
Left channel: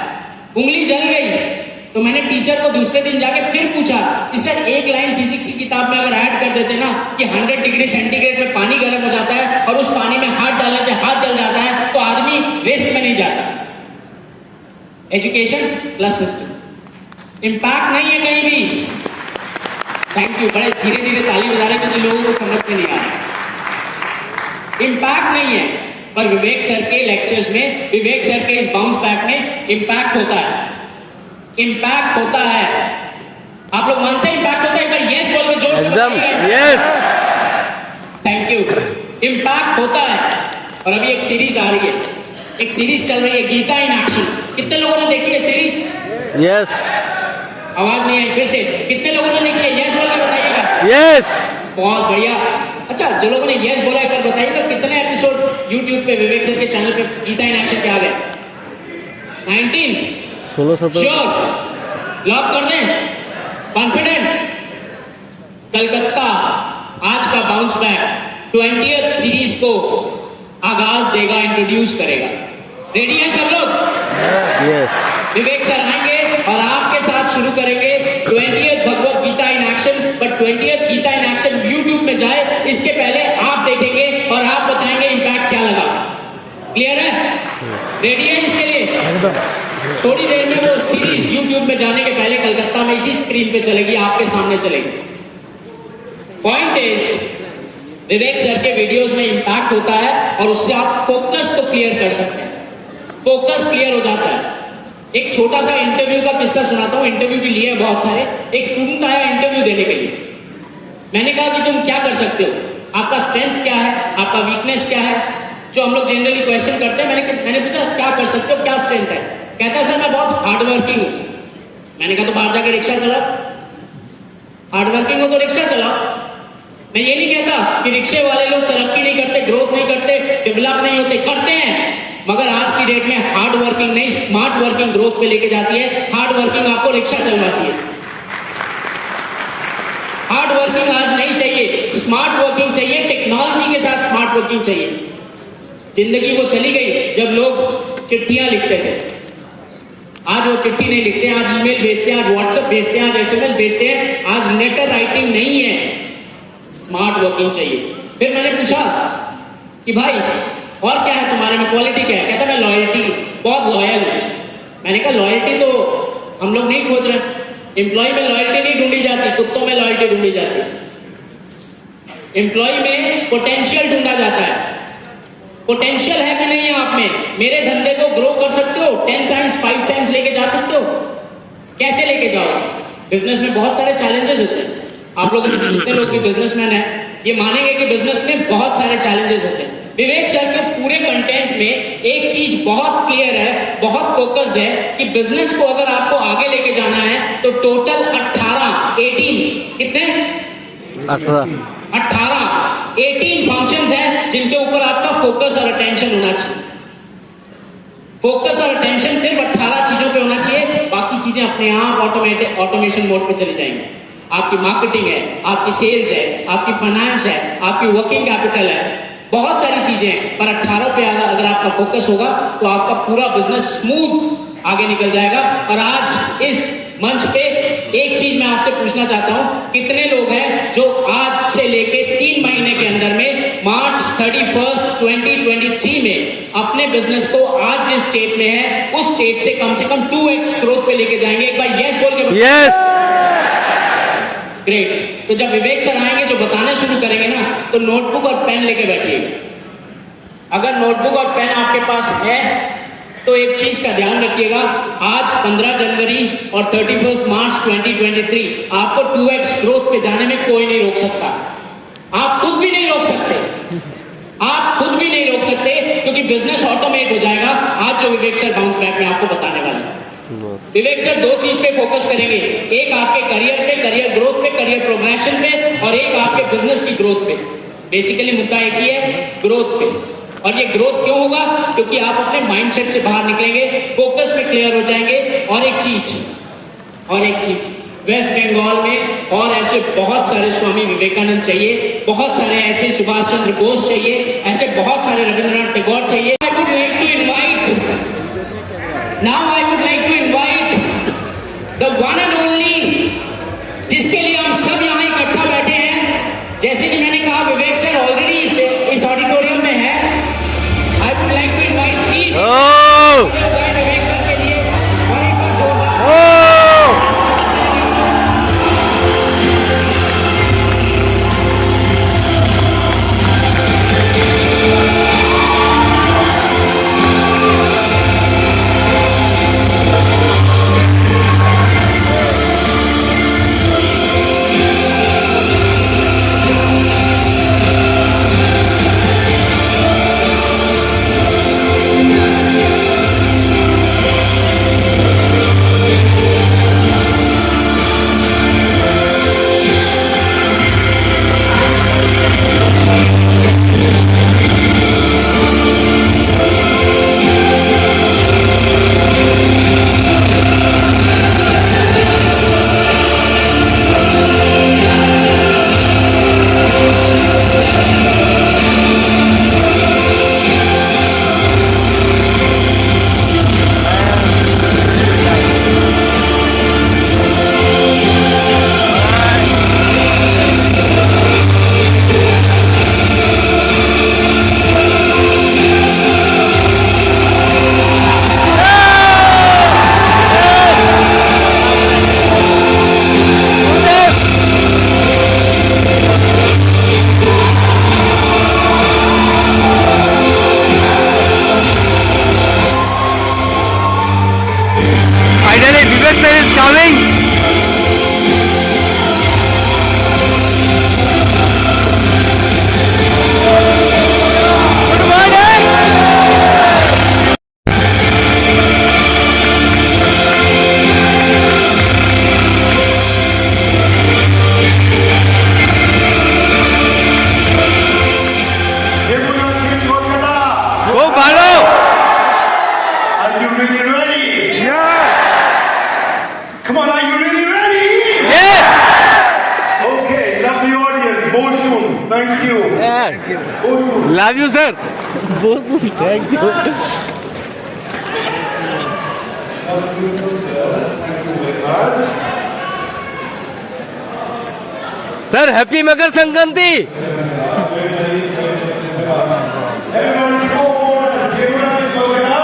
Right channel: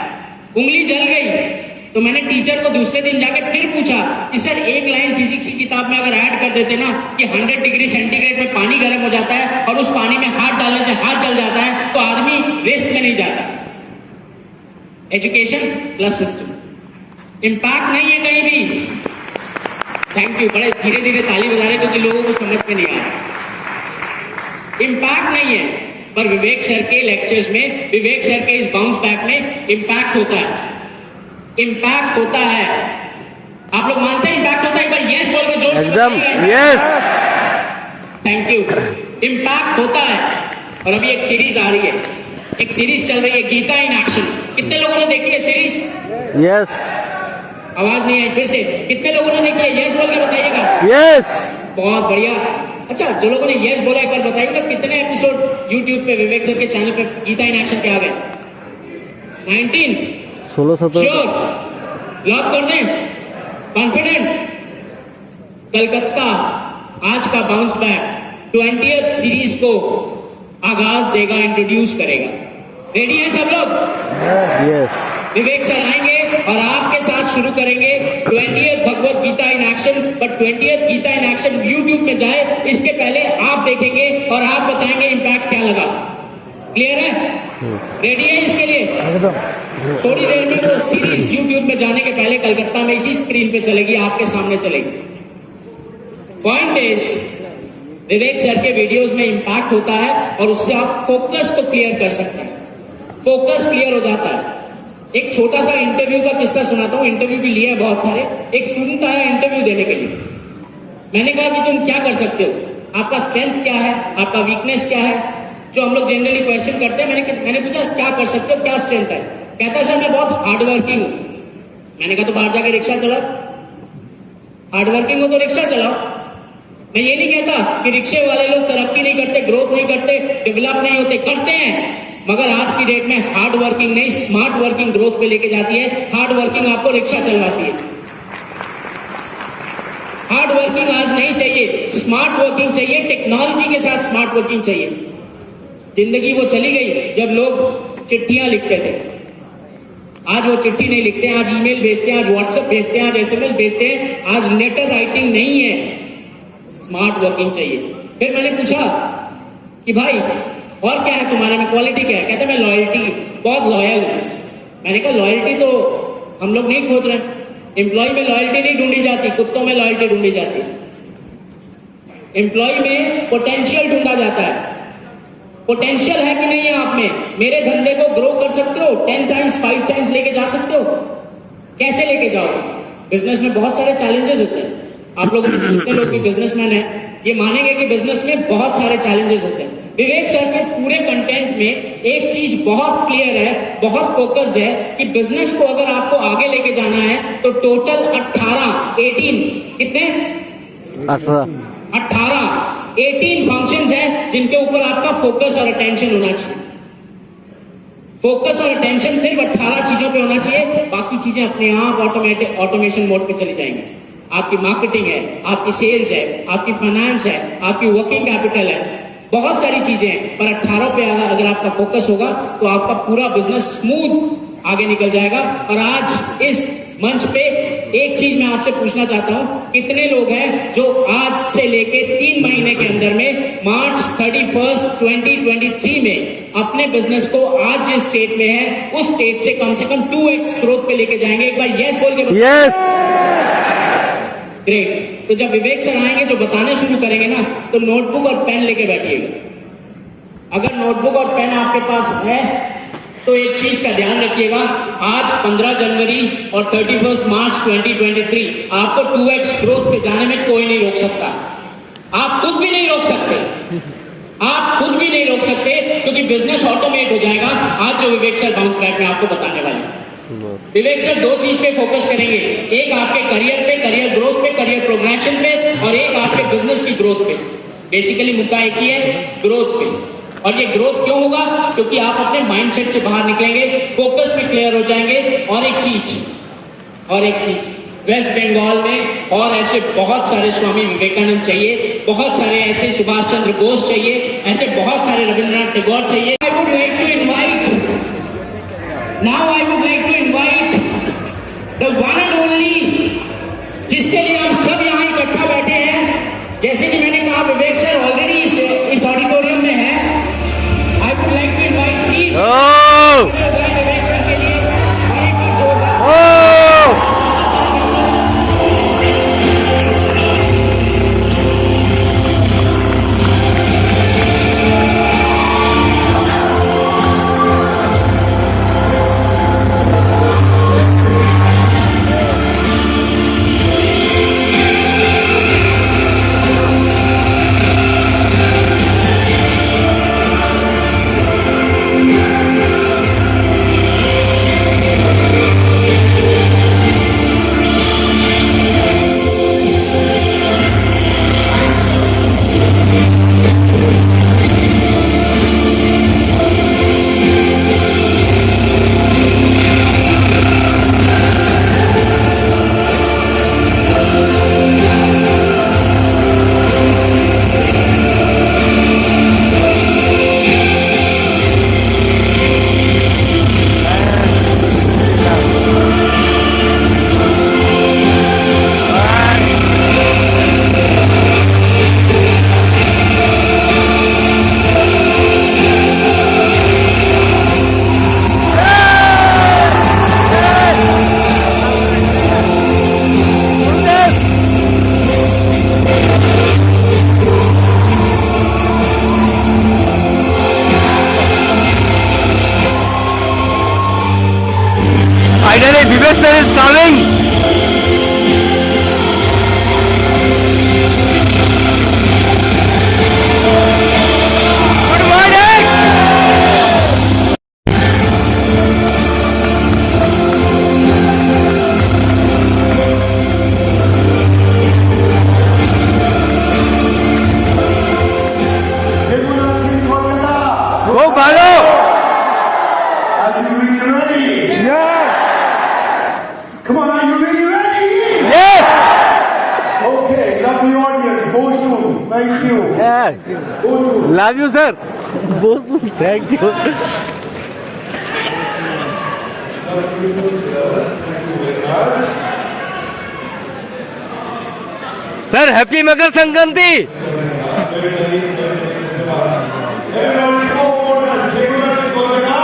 उंगली जल गई तो मैंने टीचर को दूसरे दिन जाके फिर पूछा कि सर एक लाइन फिजिक्स की किताब में अगर ऐड कर देते ना कि 100 डिग्री सेंटीग्रेड में पानी गर्म हो जाता है और उस पानी में हाथ डालने से हाथ जल जाता है तो आदमी वेस्ट में नहीं जाता। एजुकेशन प्लस सिस्टम, इम्पैक्ट नहीं है कहीं भी। थैंक यू, बड़े धीरे धीरे ताली बजा रहे थे, लोगों को समझ में नहीं आ रहा। इम्पैक्ट नहीं है, पर विवेक सर के लेक्चर्स में, विवेक सर के इस बाउंस बैक में इम्पैक्ट होता है, इम्पैक्ट होता है। आप लोग मानते हैं इम्पैक्ट होता है? एक बार यस बोल दो, जोर से एकदम यस। Thank you. इम्पैक्ट होता है। और अभी एक सीरीज आ रही है, एक सीरीज चल रही है, गीता इन एक्शन। कितने लोगों ने देखी है सीरीज? यस। आवाज नहीं आई, फिर से कितने लोगों ने देखी है? यस बोल के बताइएगा। यस। बहुत बढ़िया। अच्छा, जो लोगों ने यस बोला है कर बताइएगा कितने एपिसोड यूट्यूब पे विवेक सर के चैनल पे गीता इन एक्शन के आ गए? 19 16-17 श्योर, लॉक कर दें, कॉन्फिडेंट। कलकत्ता आज का बाउंस बैक 20th सीरीज को आगाज देगा, इंट्रोड्यूस करेगा। रेडी है सब लोग? यस। विवेक सर आएंगे और आपके साथ शुरू करेंगे 20th Bhagavad Gita in action. But 20th Gita in action YouTube में जाए इसके पहले आप देखेंगे और आप बताएंगे इम्पैक्ट क्या लगा। क्लियर है? रेडी है इसके लिए? थोड़ी देर में वो सीरीज यूट्यूब में जाने के पहले कलकत्ता में इसी स्क्रीन पे चलेगी, आपके सामने चलेगी। पॉइंट इज, विवेक सर के वीडियोस में इंपैक्ट होता है और उससे आप फोकस को क्लियर कर सकते हैं। फोकस क्लियर हो जाता है। एक छोटा सा इंटरव्यू का किस्सा सुनाता हूँ, इंटरव्यू भी लिए बहुत सारे। एक स्टूडेंट आया इंटरव्यू देने के लिए, मैंने कहा कि तुम क्या कर सकते हो, आपका स्ट्रेंथ क्या है, आपका वीकनेस क्या है, जो हम लोग जनरली क्वेश्चन करते हैं। मैंने पूछा क्या कर सकते हो, क्या स्ट्रेंथ है? कहता है सर मैं बहुत हार्ड वर्किंग हूँ। मैंने कहा तो बाहर जाकर रिक्शा चलाओ, हार्ड वर्किंग हो तो रिक्शा चलाओ। मैं ये नहीं कहता कि रिक्शे वाले लोग तरक्की नहीं करते, ग्रोथ नहीं करते, डेवलप नहीं होते, करते हैं, मगर आज की डेट में हार्ड वर्किंग नहीं, स्मार्ट वर्किंग ग्रोथ पे लेके जाती है। हार्ड वर्किंग आपको रिक्शा चलवाती है। हार्ड वर्किंग आज नहीं चाहिए, स्मार्ट वर्किंग चाहिए। टेक्नोलॉजी के साथ स्मार्ट वर्किंग चाहिए। जिंदगी वो चली गई जब लोग चिट्ठियां लिखते थे। आज वो चिट्ठी नहीं लिखते, आज ईमेल भेजते हैं, आज व्हाट्सएप भेजते हैं, आज एसएमएस भेजते हैं। आज लेटर राइटिंग नहीं है, स्मार्ट वर्किंग चाहिए। फिर मैंने पूछा कि भाई और क्या है तुम्हारे में, क्वालिटी क्या है? कहता मैं लॉयल्टी, बहुत लॉयल हूं। मैंने कहा लॉयल्टी तो हम लोग नहीं खोज रहे। एम्प्लॉय में लॉयल्टी नहीं ढूंढी जाती, कुत्तों में लॉयल्टी ढूंढी जाती है। एम्प्लॉय में पोटेंशियल ढूंढा जाता है। पोटेंशियल है कि नहीं है आप में? मेरे धंधे को ग्रो कर सकते हो, 10 टाइम्स 5 टाइम्स लेके जा सकते हो। कैसे लेके जाओगे? बिजनेस में बहुत सारे चैलेंजेस होते हैं। आप लोग जितने लोग भी बिजनेसमैन है ये मानेंगे कि बिजनेस में बहुत सारे चैलेंजेस होते हैं। विवेक सर के पूरे कंटेंट में एक चीज बहुत क्लियर है, बहुत फोकस्ड है कि बिजनेस को अगर आपको आगे लेके जाना है तो टोटल 18 कितने 18 फंक्शंस हैं जिनके ऊपर आपका फोकस और अटेंशन होना चाहिए। फोकस और अटेंशन सिर्फ 18 चीजों पे होना चाहिए, बाकी चीजें अपने आप ऑटोमेशन मोड पे चली जाएंगी। आपकी मार्केटिंग है, आपकी सेल्स है, आपकी फाइनेंस है, आपकी वर्किंग कैपिटल है, बहुत सारी चीजें हैं। पर 18 पे अगर आपका फोकस होगा तो आपका पूरा बिजनेस स्मूथ आगे निकल जाएगा। और आज इस मंच पे एक चीज मैं आपसे पूछना चाहता हूं, कितने लोग हैं जो आज से लेके 3 महीने के अंदर में मार्च 31, 2023 में अपने बिजनेस को आज जिस स्टेट में है उस स्टेट से कम 2x ग्रोथ पे लेके जाएंगे? एक बार यस बोल के। यस। ग्रेट। तो जब विवेक सर आएंगे जो बताना शुरू करेंगे ना, तो नोटबुक और पेन लेके बैठिएगा। अगर नोटबुक और पेन आपके पास है तो एक चीज का ध्यान रखिएगा, आज 15 जनवरी और 31 मार्च 2023 आपको 2x ग्रोथ पे जाने में कोई नहीं रोक सकता। आप खुद भी नहीं रोक सकते, आप खुद भी नहीं रोक सकते, क्योंकि बिजनेस ऑटोमेट हो जाएगा। आज जो विवेक सर बाउंस बैक में आपको बताने वाले हैं, विवेक सर 2 चीज पे फोकस करेंगे, एक आपके करियर पे, करियर ग्रोथ पे, करियर प्रोग्रेशन पे, और एक आपके बिजनेस की ग्रोथ पे। बेसिकली मुद्दा एक ही है, ग्रोथ पे। और ये ग्रोथ क्यों होगा? क्योंकि आप अपने माइंडसेट से बाहर निकलेंगे, फोकस में क्लियर हो जाएंगे। और एक चीज वेस्ट बंगाल में और ऐसे बहुत सारे स्वामी विवेकानंद चाहिए, बहुत सारे ऐसे सुभाष चंद्र बोस चाहिए, ऐसे बहुत सारे रविंद्रनाथ टैगोर चाहिए। I would like to invite the one and only, जिसके लिए हम सब यहाँ इकट्ठा बैठे हैं। जैसे कि मैंने कहा विवेक सर ऑलरेडी इस ऑडिटोरियम में है। I would like to invite please Vivek sir के लिए Vivek sir is coming. Good morning. Go Balo. Are you really ready? Yeah. Come on, are you really ready? Yes. Okay, lovely audience. Boshun, thank you. Yeah. Love you, sir. Thank you. Sir, happy Makar Sankranti. Everyone go on and give us a Kolkata.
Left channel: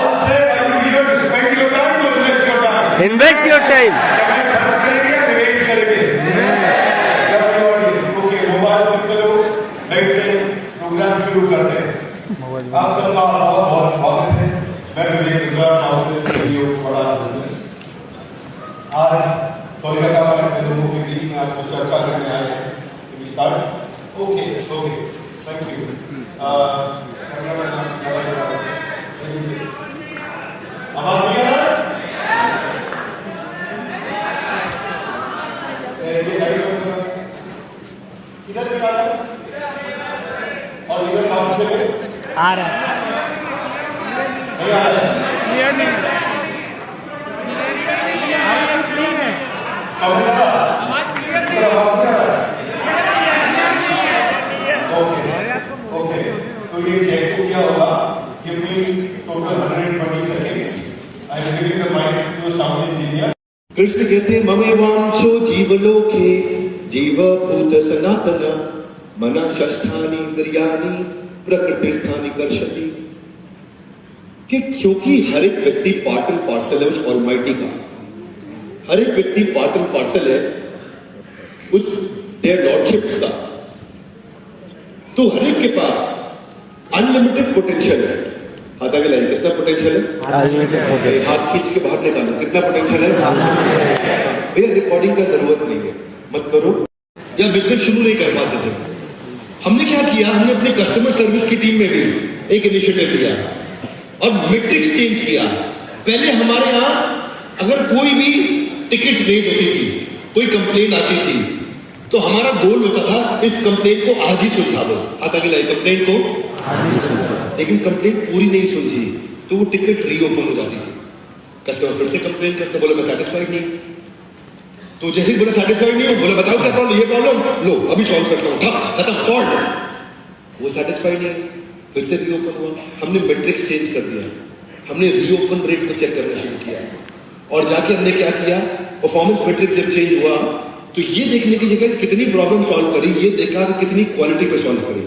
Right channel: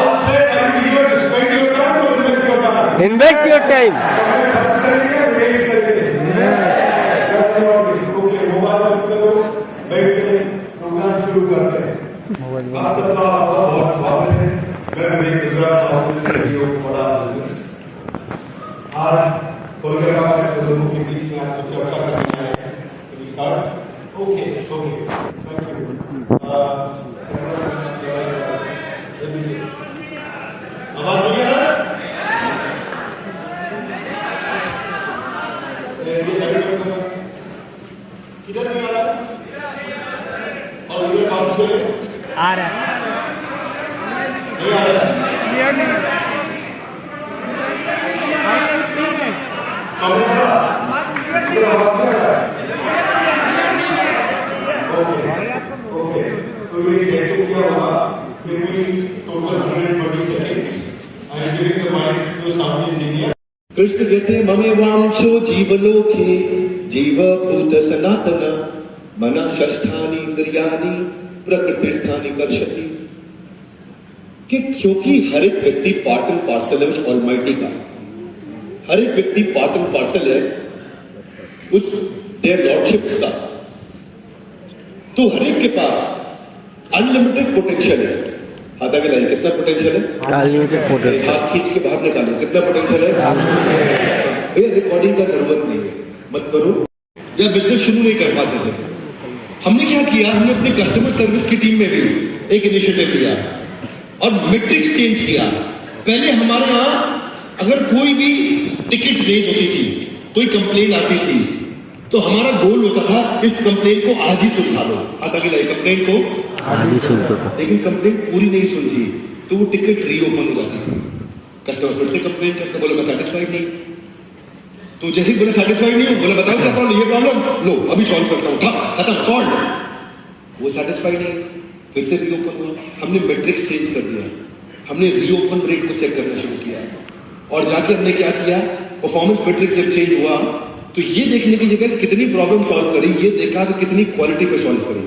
All say every year to spend your time or invest your time. Invest your time. हमें खर्च करेंगे या निवेश करेंगे? Lovely audience. Okay, mobile बंद करो, बैठते हैं, प्रोग्राम शुरू करते हैं। आप सबका बहुत स्वागत है। मैं विवेक गुजरात माउंटेन स्टूडियो बड़ा बिजनेस। आज कोलकाता में अपने लोगों के बीच में आज कुछ चर्चा करने आए हैं। Start okay okay thank you आवाज नहीं आ रहा ये लाइट इधर नहीं आ रहा और इधर बात पे आ रहा है नहीं आ रहा ये नहीं समझ आ रहा इधर आवाज नहीं आ रहा ओके ओके तो ये चेक तो किया होगा give me total 120 seconds I am giving the mic to sound engineer Krishna कहते ममेवांशो जीवलोके जीवभूत सनातन मन षष्ठानि इंद्रियाणि प्रकृतिस्थानि कर्षति कि क्योंकि हर एक व्यक्ति पार्ट एंड पार्सल है उस ऑलमाइटी का, हर एक व्यक्ति पार्ट एंड पार्सल है उस देयर लॉर्डशिप्स का, तो हर एक के पास अनलिमिटेड पोटेंशियल है। हाथ आगे लाइए, कितना पोटेंशियल है? Unlimited potential. हाथ खींच के बाहर निकालो, कितना पोटेंशियल है? भैया रिकॉर्डिंग का जरूरत नहीं है, मत करो। या बिजनेस शुरू नहीं कर पाते थे, हमने क्या किया, हमने अपने कस्टमर सर्विस की टीम में भी एक इनिशिएटिव लिया और मैट्रिक्स चेंज किया। पहले हमारे यहाँ अगर कोई भी टिकट रेज होती थी, कोई कंप्लेन आती थी, तो हमारा गोल होता था इस कंप्लेन को आज ही सुलझा दो। हाथ आगे लाइए, कंप्लेन को आदमी सुनते थे। लेकिन कंप्लेंट पूरी नहीं सुलझी तो वो टिकट रीओपन हो जाती थी। कस्टमर फिर से कंप्लेंट करते, बोले मैं सेटिस्फाइड नहीं। तो जैसे ही बोले सेटिस्फाइड नहीं, बोले बताओ क्या प्रॉब्लम, ये प्रॉब्लम लो अभी सॉल्व करता हूँ, खत्म सॉल्व। वो सेटिस्फाइड नहीं, फिर से रीओपन हुआ। हमने मैट्रिक्स चेंज कर दिया, हमने रीओपन रेट को चेक करना शुरू किया और जाके हमने क्या किया, परफॉर्मेंस मैट्रिक्स जब चेंज हुआ तो ये देखने की जगह कितनी प्रॉब्लम सॉल्व करी, ये देखा कि कितनी क्वालिटी को सॉल्व करी।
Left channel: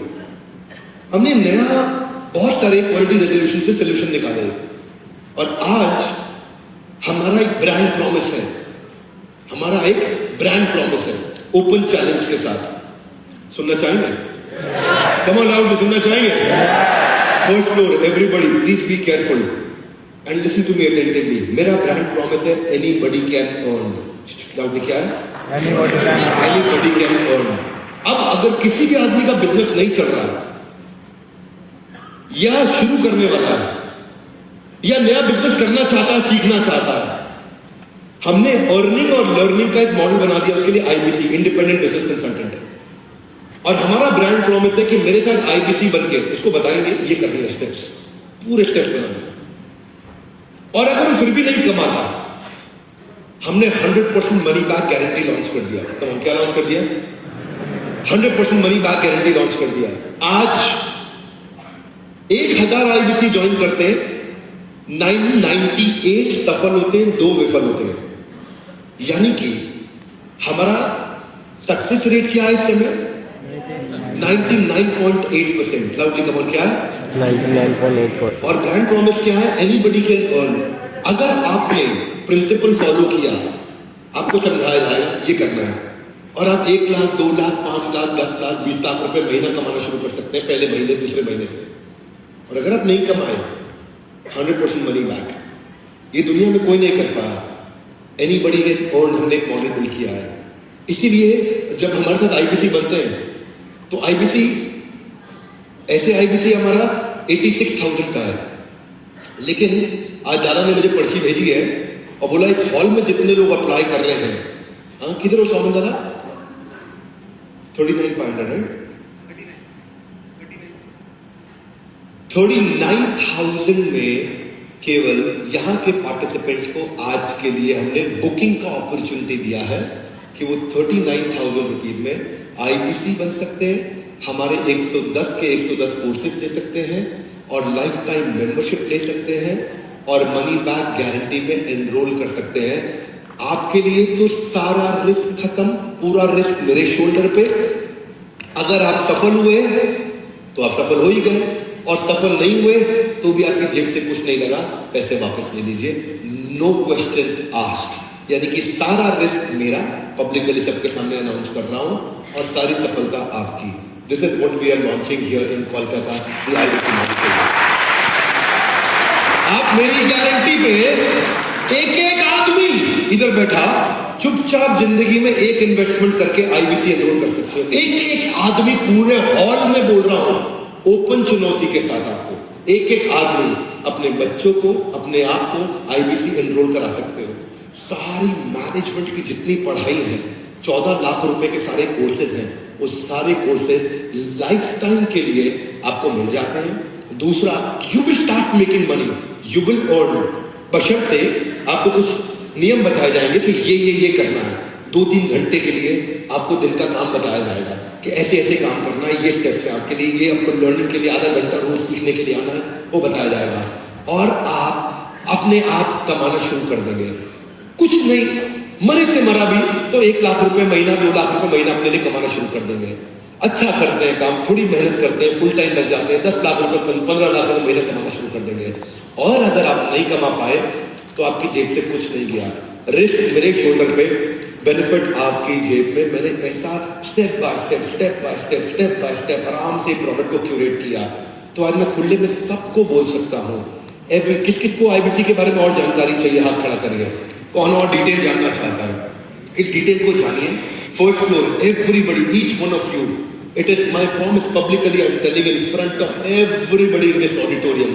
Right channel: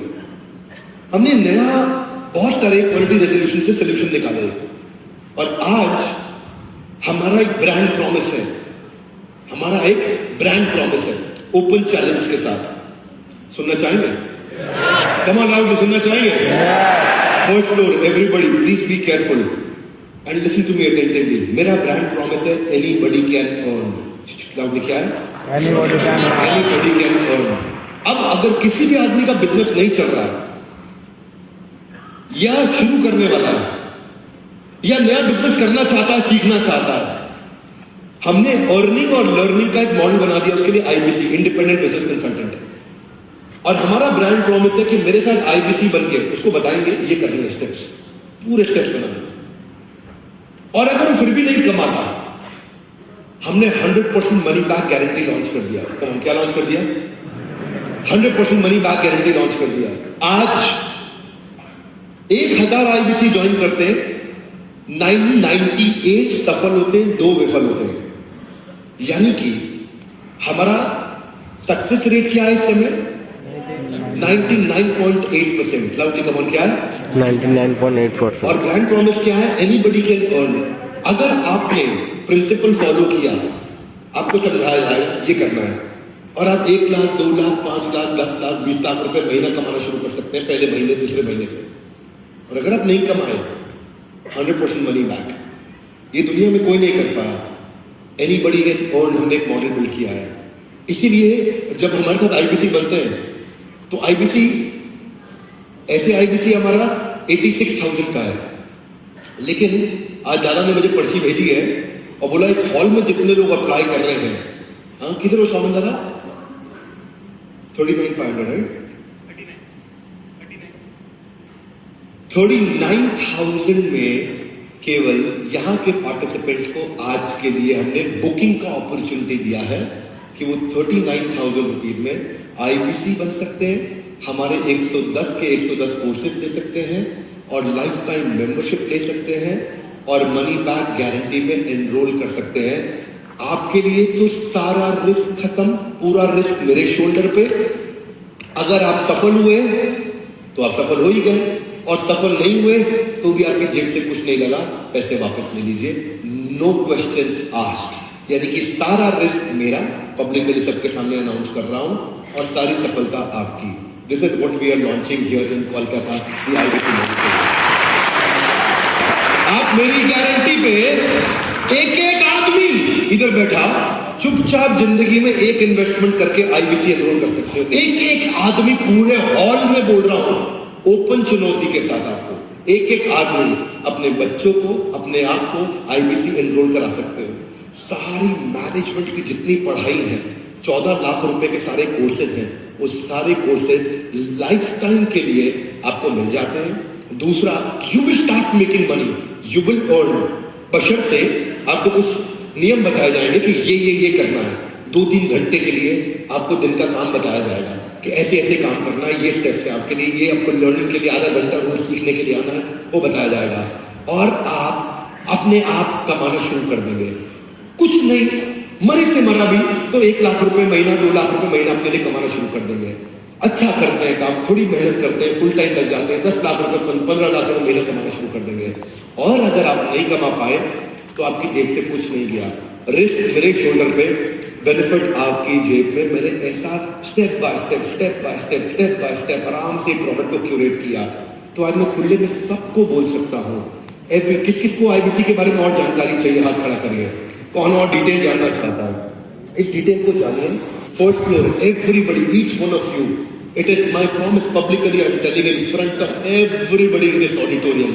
हमने नया बहुत सारे क्वालिटी रेजोल्यूशन से सोल्यूशन निकाले और आज हमारा एक ब्रांड प्रॉमिस है, हमारा एक ब्रांड प्रॉमिस है ओपन चैलेंज के साथ। सुनना चाहेंगे? कमाल आउट सुनना चाहेंगे? First floor everybody please be careful and listen to me attentively. मेरा ब्रांड प्रॉमिस है एनीबॉडी कैन अर्न। लाउडली क्या है? Anybody can earn. अब अगर किसी भी आदमी का बिजनेस नहीं चल रहा या शुरू करने वाला है या नया बिजनेस करना चाहता है, सीखना चाहता है, हमने अर्निंग और लर्निंग का एक मॉडल बना दिया। उसके लिए आईबीसी, इंडिपेंडेंट बिजनेस कंसल्टेंट है और हमारा ब्रांड प्रॉमिस है कि मेरे साथ आईबीसी बनके उसको बताएंगे ये करने हैं स्टेप्स, पूरे स्टेप्स बनाएंगे। और अगर वो फिर भी नहीं कमाता, हमने 100% मनी बैक गारंटी लॉन्च कर दिया। क्या लॉन्च कर दिया? 100% मनी बैक गारंटी लॉन्च कर दिया। आज 1000 आईबीसी ज्वाइन करते हैं, 998 सफल होते हैं, 2 विफल होते हैं। यानी कि हमारा सक्सेस रेट क्या है इस समय? 99.8%। लवली कमल क्या है? 99.8%। और ब्रांड प्रॉमिस क्या है? Anybody can earn. अगर आपने प्रिंसिपल फॉलो किया, आपको समझाया जाए ये करना है और आप 1 लाख, 2 लाख, 5 लाख, 10 लाख, 20 लाख रुपए महीना कमाना शुरू कर सकते हैं पहले महीने, दूसरे महीने से। और अगर आप नहीं कमाए 100% मनी बैक। ये दुनिया में कोई नहीं करता। एनीबडी कैन अर्न, हमने एक मॉडल बिल्ड किया है। इसीलिए जब हमारे साथ आईबीसी बनते हैं तो आईबीसी ऐसे आईबीसी हमारा 86,000 का है, लेकिन आज दादा ने मुझे पर्ची भेजी है और बोला इस हॉल में जितने लोग अप्लाई कर रहे हैं, हाँ किधर हो शामिल दादा? 39,500 39,000 में केवल यहां के पार्टिसिपेंट्स को आज के लिए हमने बुकिंग का अपॉर्चुनिटी दिया है कि वो 39,000 रुपीज में आईबीसी बन सकते हैं, हमारे 110 के 110 कोर्सेज ले सकते हैं और लाइफ टाइम मेंबरशिप ले सकते हैं और मनी बैक गारंटी में एनरोल कर सकते हैं। आपके लिए तो सारा रिस्क खत्म, पूरा रिस्क मेरे शोल्डर पे। अगर आप सफल हुए तो आप सफल हो ही गए, और सफल नहीं हुए तो भी आपकी जेब से कुछ नहीं लगा, पैसे वापस ले लीजिए, नो क्वेश्चन आस्क्ड। यानी कि सारा रिस्क मेरा, पब्लिकली सबके सामने अनाउंस कर रहा हूं, और सारी सफलता आपकी। This is what we are launching here in Kolkata, the IBC. आप मेरी गारंटी पे एक एक आदमी इधर बैठा चुपचाप जिंदगी में एक इन्वेस्टमेंट करके आईबीसी एनरोल कर सकते हो। एक एक आदमी, पूरे हॉल में बोल रहा हूं, ओपन चुनौती के साथ आपको एक एक आदमी अपने बच्चों को, अपने आप को आईबीसी एनरोल करा सकते हो। सारी मैनेजमेंट की जितनी पढ़ाई है, 14 लाख रुपए के सारे कोर्सेज हैं, वो सारे कोर्सेज लाइफ टाइम के लिए आपको मिल जाते हैं। दूसरा, you will start making money, you will earn, बशर्ते आपको कुछ नियम बताए जाएंगे कि ये करना है। 2-3 घंटे के लिए आपको दिन का काम बताया जाएगा कि ऐसे ऐसे काम करना है, ये स्टेप्स है आपके लिए, ये आपको लर्निंग के लिए आधा घंटा रोज सीखने के लिए आना है, वो बताया जाएगा। और आप अपने आप कमाना शुरू कर देंगे। कुछ नहीं, मरे से मरा भी तो 1 लाख रुपए महीना, 2 लाख रुपए महीना अपने लिए कमाना शुरू कर देंगे। अच्छा करते हैं काम, थोड़ी मेहनत करते हैं, फुल टाइम लग जाते हैं, 10 लाख रुपए 15 लाख रुपए महीना कमाना शुरू कर देंगे। और अगर आप नहीं कमा पाए तो आपकी जेब से कुछ नहीं गया, रिस्क मेरे शोल्डर पे, बेनिफिट आपकी जेब में। मैंने ऐसा स्टेप बाय स्टेप आराम से प्रोडक्ट को क्यूरेट किया, तो आज मैं खुले में सबको बोल सकता हूँ। किस किस को आईबीसी के बारे में और जानकारी चाहिए, हाथ खड़ा करिए। कौन और डिटेल जानना चाहता है, इस डिटेल को जानिए। First floor, everybody, each one of you, it is my promise, publicly I am telling in front of everybody in this auditorium,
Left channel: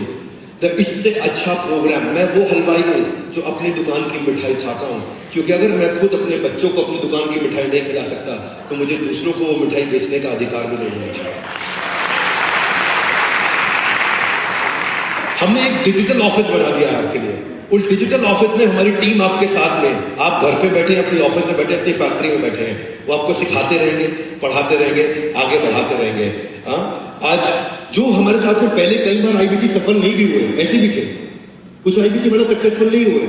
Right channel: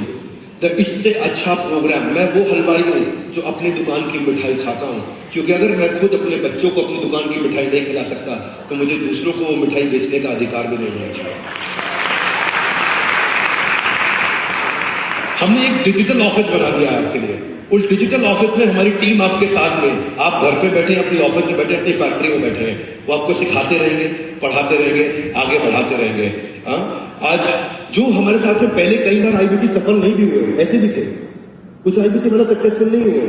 इससे अच्छा प्रोग्राम, मैं वो हलवाई हूं जो अपनी दुकान की मिठाई खाता हूं, क्योंकि अगर मैं खुद अपने बच्चों को अपनी दुकान की मिठाई नहीं खिला सकता तो मुझे दूसरों को वो मिठाई बेचने का अधिकार भी नहीं होना चाहिए। हमने एक डिजिटल ऑफिस बना दिया आपके लिए। उस डिजिटल ऑफिस में हमारी टीम आपके साथ में, आप घर पे बैठे, अपनी ऑफिस में बैठे, अपनी फैक्ट्री में बैठे हैं, वो आपको सिखाते रहेंगे, पढ़ाते रहेंगे, आगे बढ़ाते रहेंगे। आज जो हमारे साथ में पहले कई बार आईबीसी सफल नहीं भी हुए, ऐसे भी थे, कुछ आईबीसी बड़ा सक्सेसफुल नहीं हुए,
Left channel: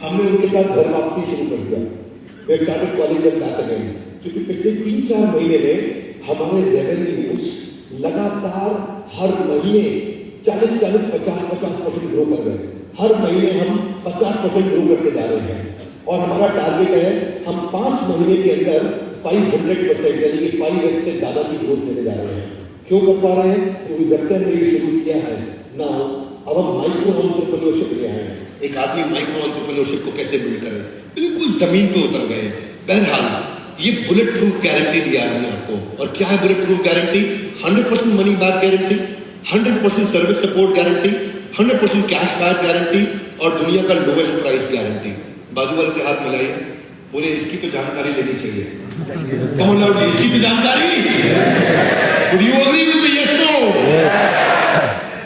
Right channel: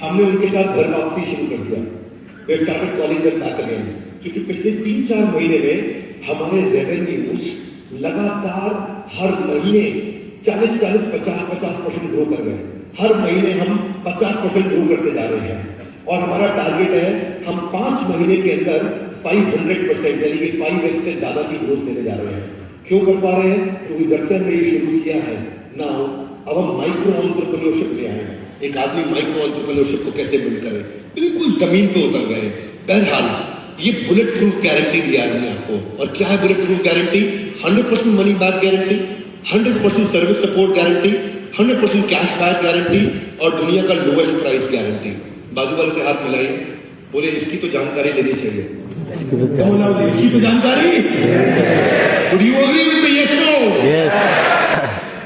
हमने उनके साथ घर वापसी शुरू कर दिया। We started calling them back again, क्योंकि पिछले 3-4 महीने में हमारे रेवेन्यूज लगातार हर महीने 40-50% ग्रो कर गए। हर महीने हम 50% ग्रो करते जा रहे हैं, और हमारा टारगेट है हम 5 महीने के अंदर 500%, यानी कि 5x से ज्यादा की ग्रोथ लेने जा रहे हैं। क्यों कर पा रहे हैं? क्योंकि जब से हमने ये शुरू किया है ना, अब हम माइक्रो एंटरप्रेन्योरशिप ले आए हैं। एक आदमी माइक्रो एंटरप्रेन्योरशिप को कैसे बिल्ड करे, बिल्कुल जमीन पे उतर गए। बहरहाल ये बुलेट प्रूफ गारंटी दिया है हमने आपको। और क्या है bullet proof guarantee? 100% money back guarantee, 100% service support guarantee, 100% cash back guarantee, और दुनिया का लोवेस्ट प्राइस गारंटी। बाजू वाले से हाथ मिलाइए, बोले इसकी तो जानकारी लेनी चाहिए। कौन है इसकी तो जानकारी? Would you agree with me? Yes or no?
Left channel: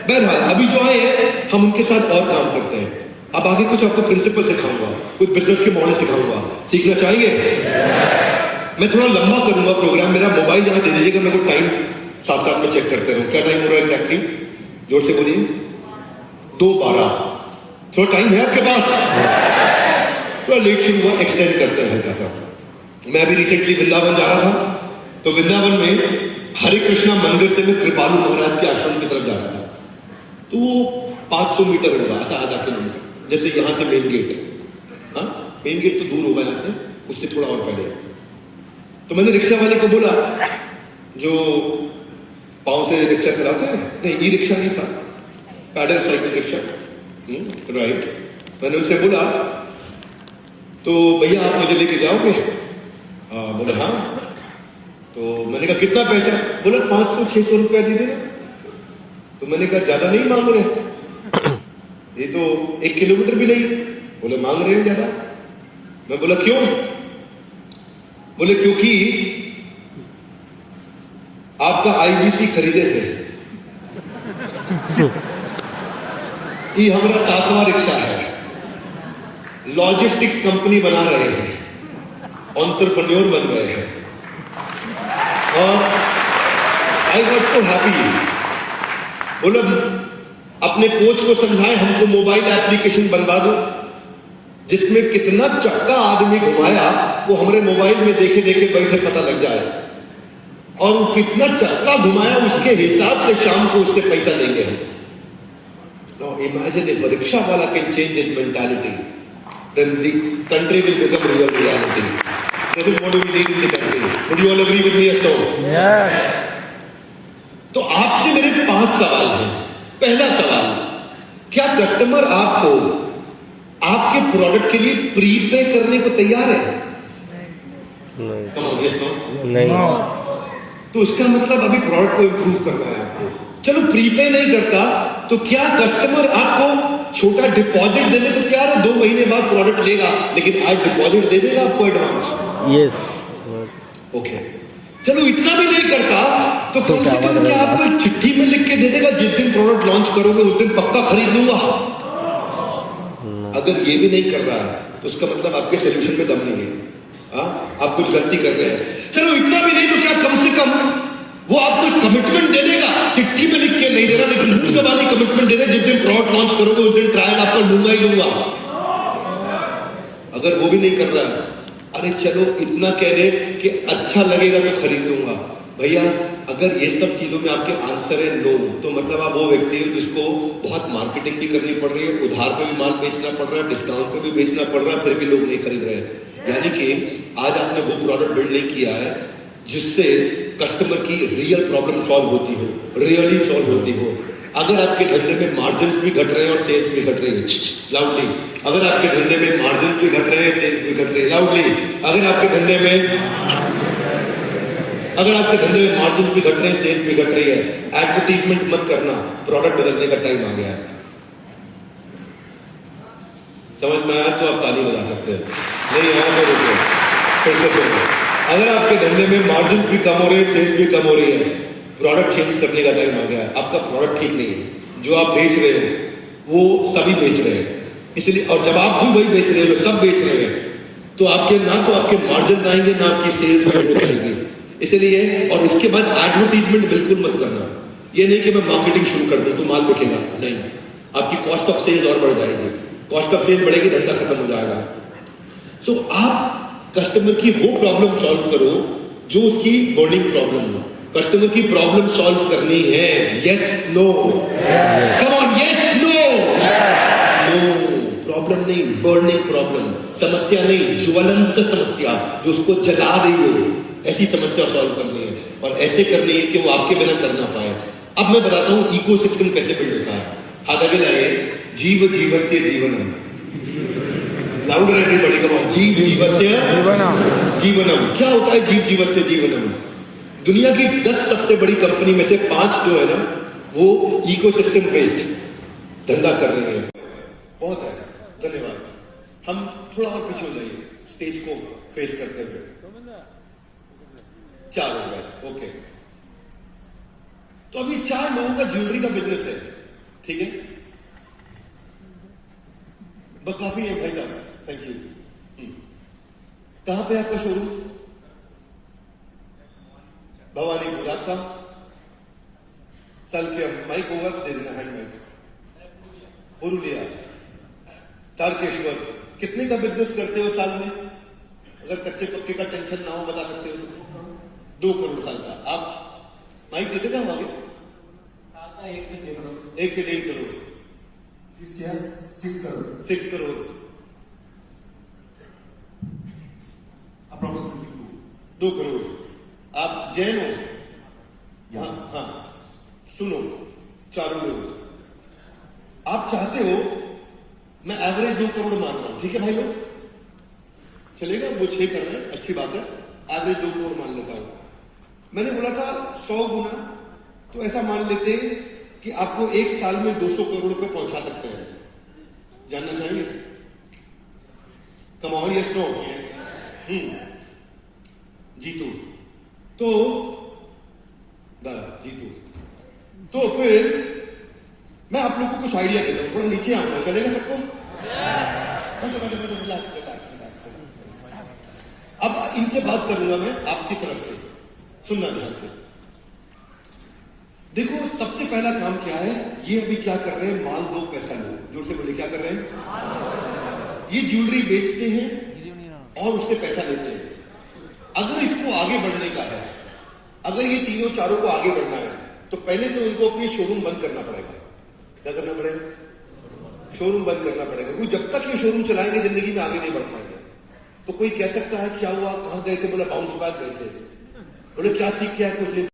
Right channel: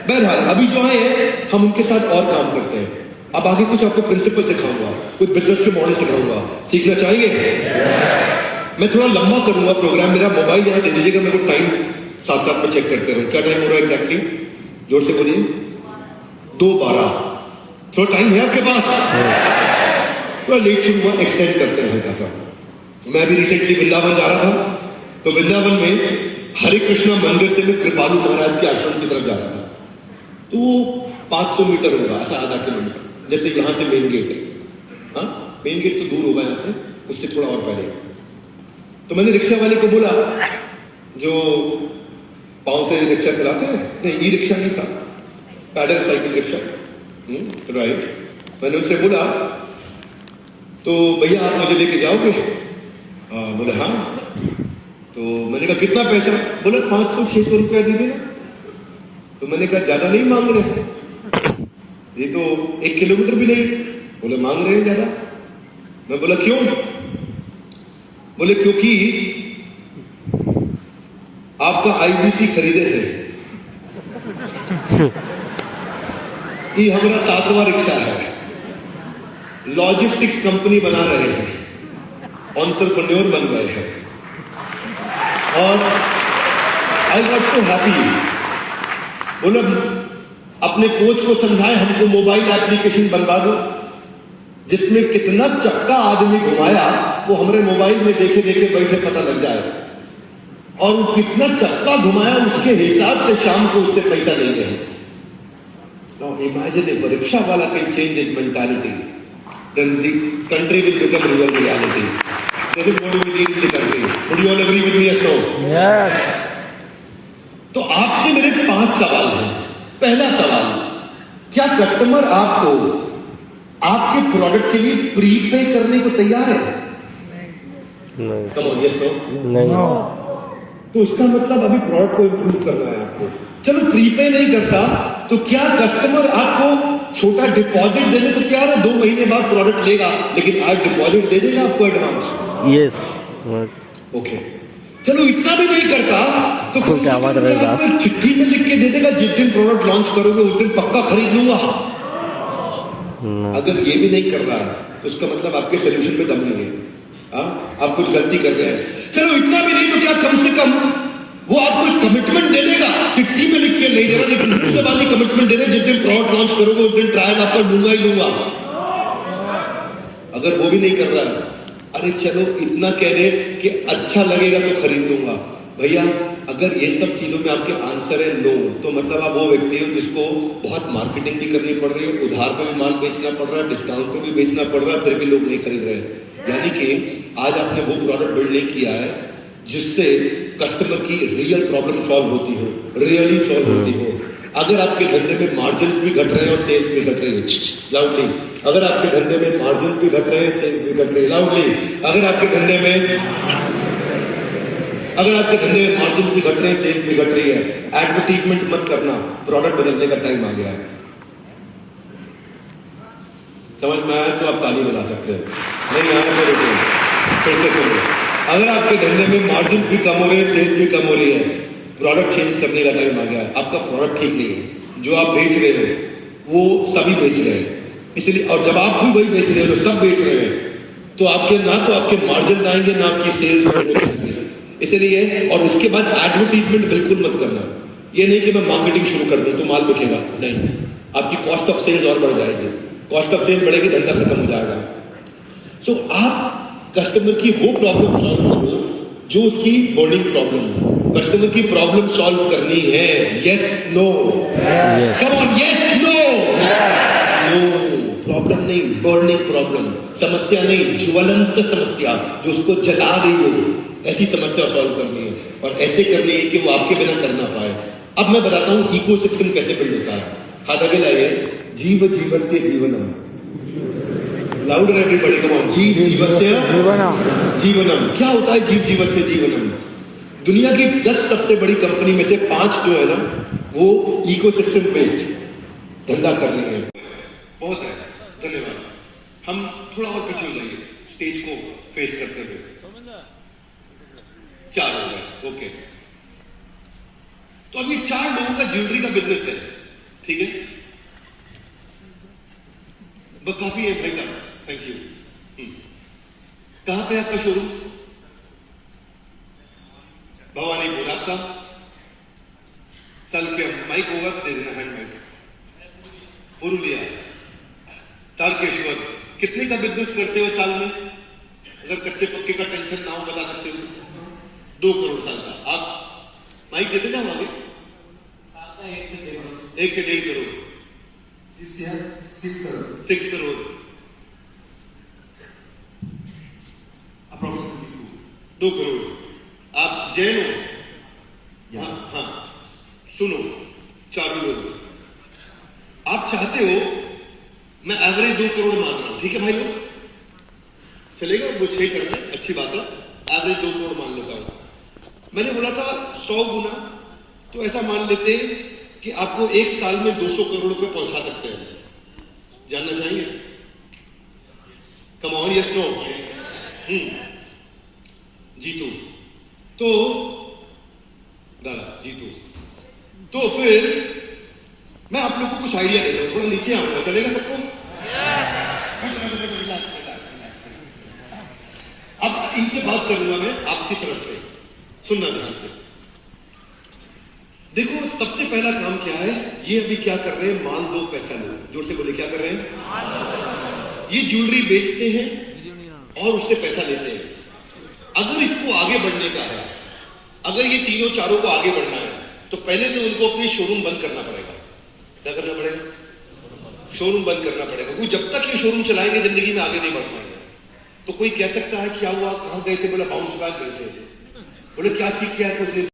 बहरहाल अभी जो है हम उनके साथ और काम करते हैं। अब आगे कुछ आपको प्रिंसिपल सिखाऊंगा, कुछ बिजनेस के मॉडल सिखाऊंगा, सीखना चाहेंगे? मैं थोड़ा लंबा करूंगा प्रोग्राम, मेरा मोबाइल यहाँ दे दीजिएगा, मेरे को टाइम साथ में चेक करते रहो। क्या टाइम हो रहा है एग्जैक्टली? जोर से बोलिए। 2:12। थोड़ा टाइम है आपके पास? थोड़ा लेट शुरू हुआ, एक्सटेंड करते हैं हल्का सा। मैं अभी रिसेंटली वृंदावन जा रहा था, तो वृंदावन में हरे कृष्णा मंदिर से मैं कृपालु महाराज के आश्रम की तरफ जा रहा था। तो 500 मीटर होगा, ऐसा आधा किलोमीटर, जैसे यहां से मेन गेट। हाँ, मेन गेट तो दूर होगा यहां से, उससे थोड़ा और पहले। तो मैंने रिक्शा वाले को बोला, जो पांव से रिक्शा चलाता है, नहीं ई रिक्शा नहीं था, पैडल साइकिल रिक्शा, राइट। मैंने उससे बोला, तो भैया आप मुझे लेके जाओगे? बोला हाँ। तो मैंने कहा कितना पैसा? बोला 500-600 रुपया दे देना। तो मैंने कहा ज्यादा नहीं मांग रहे, ये तो 1 किलोमीटर भी नहीं। बोले मांग रहे हैं ज्यादा। मैं बोला क्यों? बोले क्योंकि आपका आईबीसी खरीदे थे, ये हमारा 7वां रिक्शा है, लॉजिस्टिक्स कंपनी बना रहे हैं, एंटरप्रेन्योर बन रहे हैं। और आई गॉट सो हैप्पी। बोले अपने कोच को समझाए हमको मोबाइल एप्लीकेशन बनवा दो, जिसमें कितना चक्का आदमी घुमाया वो हमारे मोबाइल में देखे देखे बैठे पता लग जाए, और वो कितना चक्का घुमाया उसके हिसाब से शाम को उससे पैसा देंगे। Now imagine if a rickshaw wala can change his mentality, then the country will become real reality. This is what we need in the country. Would you all agree with me, Ashton? Yes. तो आपसे मेरे 5 सवाल हैं। पहला सवाल, क्या customer आपको आपके प्रोडक्ट के लिए प्रीपे करने को तैयार है? नहीं। Come on, yes, no? नहीं। तो उसका मतलब अभी प्रोडक्ट को इंप्रूव कर रहा है आपको। चलो प्रीपे नहीं करता तो क्या कस्टमर आपको छोटा डिपॉजिट देने को तैयार है? 2 महीने बाद प्रोडक्ट लेगा लेकिन आज डिपॉजिट दे देगा आपको एडवांस? यस। ओके, चलो इतना भी नहीं करता तो कम से कम क्या आपको एक चिट्ठी में लिख के दे देगा, जिस दिन प्रोडक्ट लॉन्च करोगे उस दिन पक्का खरीद लूंगा? अगर ये भी नहीं कर रहा तो उसका मतलब आपके सोल्यूशन में दम नहीं है। आप कुछ गलती कर रहे हैं। चलो इतना भी नहीं तो क्या कम से कम वो आपको कमिटमेंट दे देगा, चिट्ठी में लिख के नहीं दे रहा लेकिन मुंह से वाली कमिटमेंट दे रहे, जिस दिन प्रोडक्ट लॉन्च करोगे उस दिन ट्रायल आपको लूंगा ही लूंगा। अगर वो भी नहीं कर रहा, अरे चलो इतना कह दे कि अच्छा लगेगा तो खरीद लूंगा। भैया अगर ये सब चीजों में आपके आंसर है नो, तो मतलब आप वो व्यक्ति हो जिसको बहुत मार्केटिंग भी करनी पड़ रही है, उधार पे भी माल बेचना पड़ रहा है, डिस्काउंट पे भी बेचना पड़ रहा है, फिर भी लोग नहीं खरीद रहे। यानी कि आज आपने वो प्रोडक्ट बिल्ड नहीं किया है जिससे कस्टमर की रियल प्रॉब्लम सॉल्व होती हो, रियली सॉल्व होती हो। अगर आपके धंधे में मार्जिन भी घट रहे हैं और सेल्स भी घट रहे हैं लाउडली, अगर आपके धंधे में मार्जिन भी घट रहे हैं सेल्स भी घट रहे हैं लाउडली, अगर आपके धंधे में मार्जिन भी घट रहे हैं सेल्स भी घट रही है, एडवर्टीजमेंट मत करना, प्रोडक्ट बदलने का टाइम आ गया है। समझ में आया तो आप ताली बजा सकते हो, नहीं आया तो रुको, फिर से सुनो। अगर आपके धंधे में मार्जिन भी कम हो रहे हैं सेल्स भी कम हो रही है, प्रोडक्ट चेंज करने का टाइम आ गया। आपका प्रोडक्ट ठीक नहीं है, जो आप बेच रहे हो वो सभी बेच रहे हैं, इसलिए और जब आप भी वही बेच रहे हो सब बेच रहे हैं तो आपके ना तो आपके मार्जिन आएंगे ना आपकी सेल्स में ग्रोथ आएगी। इसलिए और उसके बाद एडवर्टीजमेंट बिल्कुल मत करना। ये नहीं कि मैं मार्केटिंग शुरू कर दूं तो माल बिकेगा, नहीं, आपकी कॉस्ट ऑफ सेल्स और बढ़ जाएगी, कॉस्ट ऑफ सेल्स बढ़ेगी धंधा खत्म हो जाएगा। सो आप कस्टमर की वो प्रॉब्लम सॉल्व करो जो उसकी बर्निंग प्रॉब्लम हो। कस्टमर की प्रॉब्लम सॉल्व करनी है, yes no, come on, yes no, no, problem नहीं, बर्निंग प्रॉब्लम, समस्या नहीं, ज्वलंत समस्या जो उसको जला रही हो, ऐसी समस्या सॉल्व करनी है और ऐसे करनी है कि वो आपके बिना कर ना पाए। अब मैं बताता हूं इकोसिस्टम कैसे बिल्ड होता है। हाथ आगे लाइए, जीव जीवस्य जीवनम, लाउडर एवरीबॉडी, कम ऑन, जीव जीवस्य जीवनम। क्या होता है जीव जीवस्य जीवनम? दुनिया की 10 सबसे बड़ी कंपनी में से 5 जो है ना वो इकोसिस्टम बेस्ड धंधा कर रही है। बहुत है, धन्यवाद। हम थोड़ा और पीछे हो जाइए, स्टेज को फेस करते हुए। 4 लोग हैं, ओके। तो अभी 4 लोगों का ज्वेलरी का बिजनेस है, ठीक है, वो काफी है भाई साहब, थैंक यू। कहां पे आपका शोरूम? भवानीपुर। आपका साल के माइक होगा तो दे देना, हैंड माइक। पुरुलिया, तारकेश्वर। कितने का बिजनेस करते हो साल में? अगर कच्चे पक्के का टेंशन ना हो बता सकते हो? 2 करोड़ साल का। आप माइक देते जाओ आगे। 1 से 1.5 करोड़। 6 करोड़ अप्रोक्सीमेटली 2 करोड़। आप जैन हो? हाँ, सुनो चारों लोग, आप चाहते हो मैं एवरेज 2 करोड़ मान रहा हूं, ठीक है भाई लोग? चलेगा? वो 6 कर रहे हैं, अच्छी बात है। एवरेज 2 करोड़ मान लेता हूं। मैंने बोला था 100 गुना, तो ऐसा मान लेते हैं कि आपको 1 साल में 200 करोड़ रुपए पहुंचा सकते हैं। जानना चाहेंगे? Come on, yes no? Jeetu तो दादा जीतू तो फिर मैं आप लोगों को कुछ आइडिया देता हूं, थोड़ा नीचे आऊंगा, चलेगा सबको? अब इनसे बात करूंगा मैं आपकी तरफ से, सुनना ध्यान से। देखो सबसे पहला काम क्या है, ये अभी क्या कर रहे हैं, माल दो पैसा लो। जोर से बोले, क्या कर रहे हैं? ये ज्वेलरी बेचते हैं और उससे पैसा लेते हैं। अगर इसको आगे बढ़ने का है, अगर ये तीनों चारों को आगे बढ़ना है, तो पहले तो उनको अपनी शोरूम बंद करना पड़ेगा। क्या करना पड़ेगा? शोरूम बंद करना पड़ेगा। क्योंकि जब तक ये शोरूम चलाएंगे जिंदगी में आगे नहीं बढ़ पाएंगे। तो कोई कह सकता है क्या हुआ, कहां गए थे? बोला बाउंस बैक गए थे। बोले क्या सीख के आए? कुछ नहीं।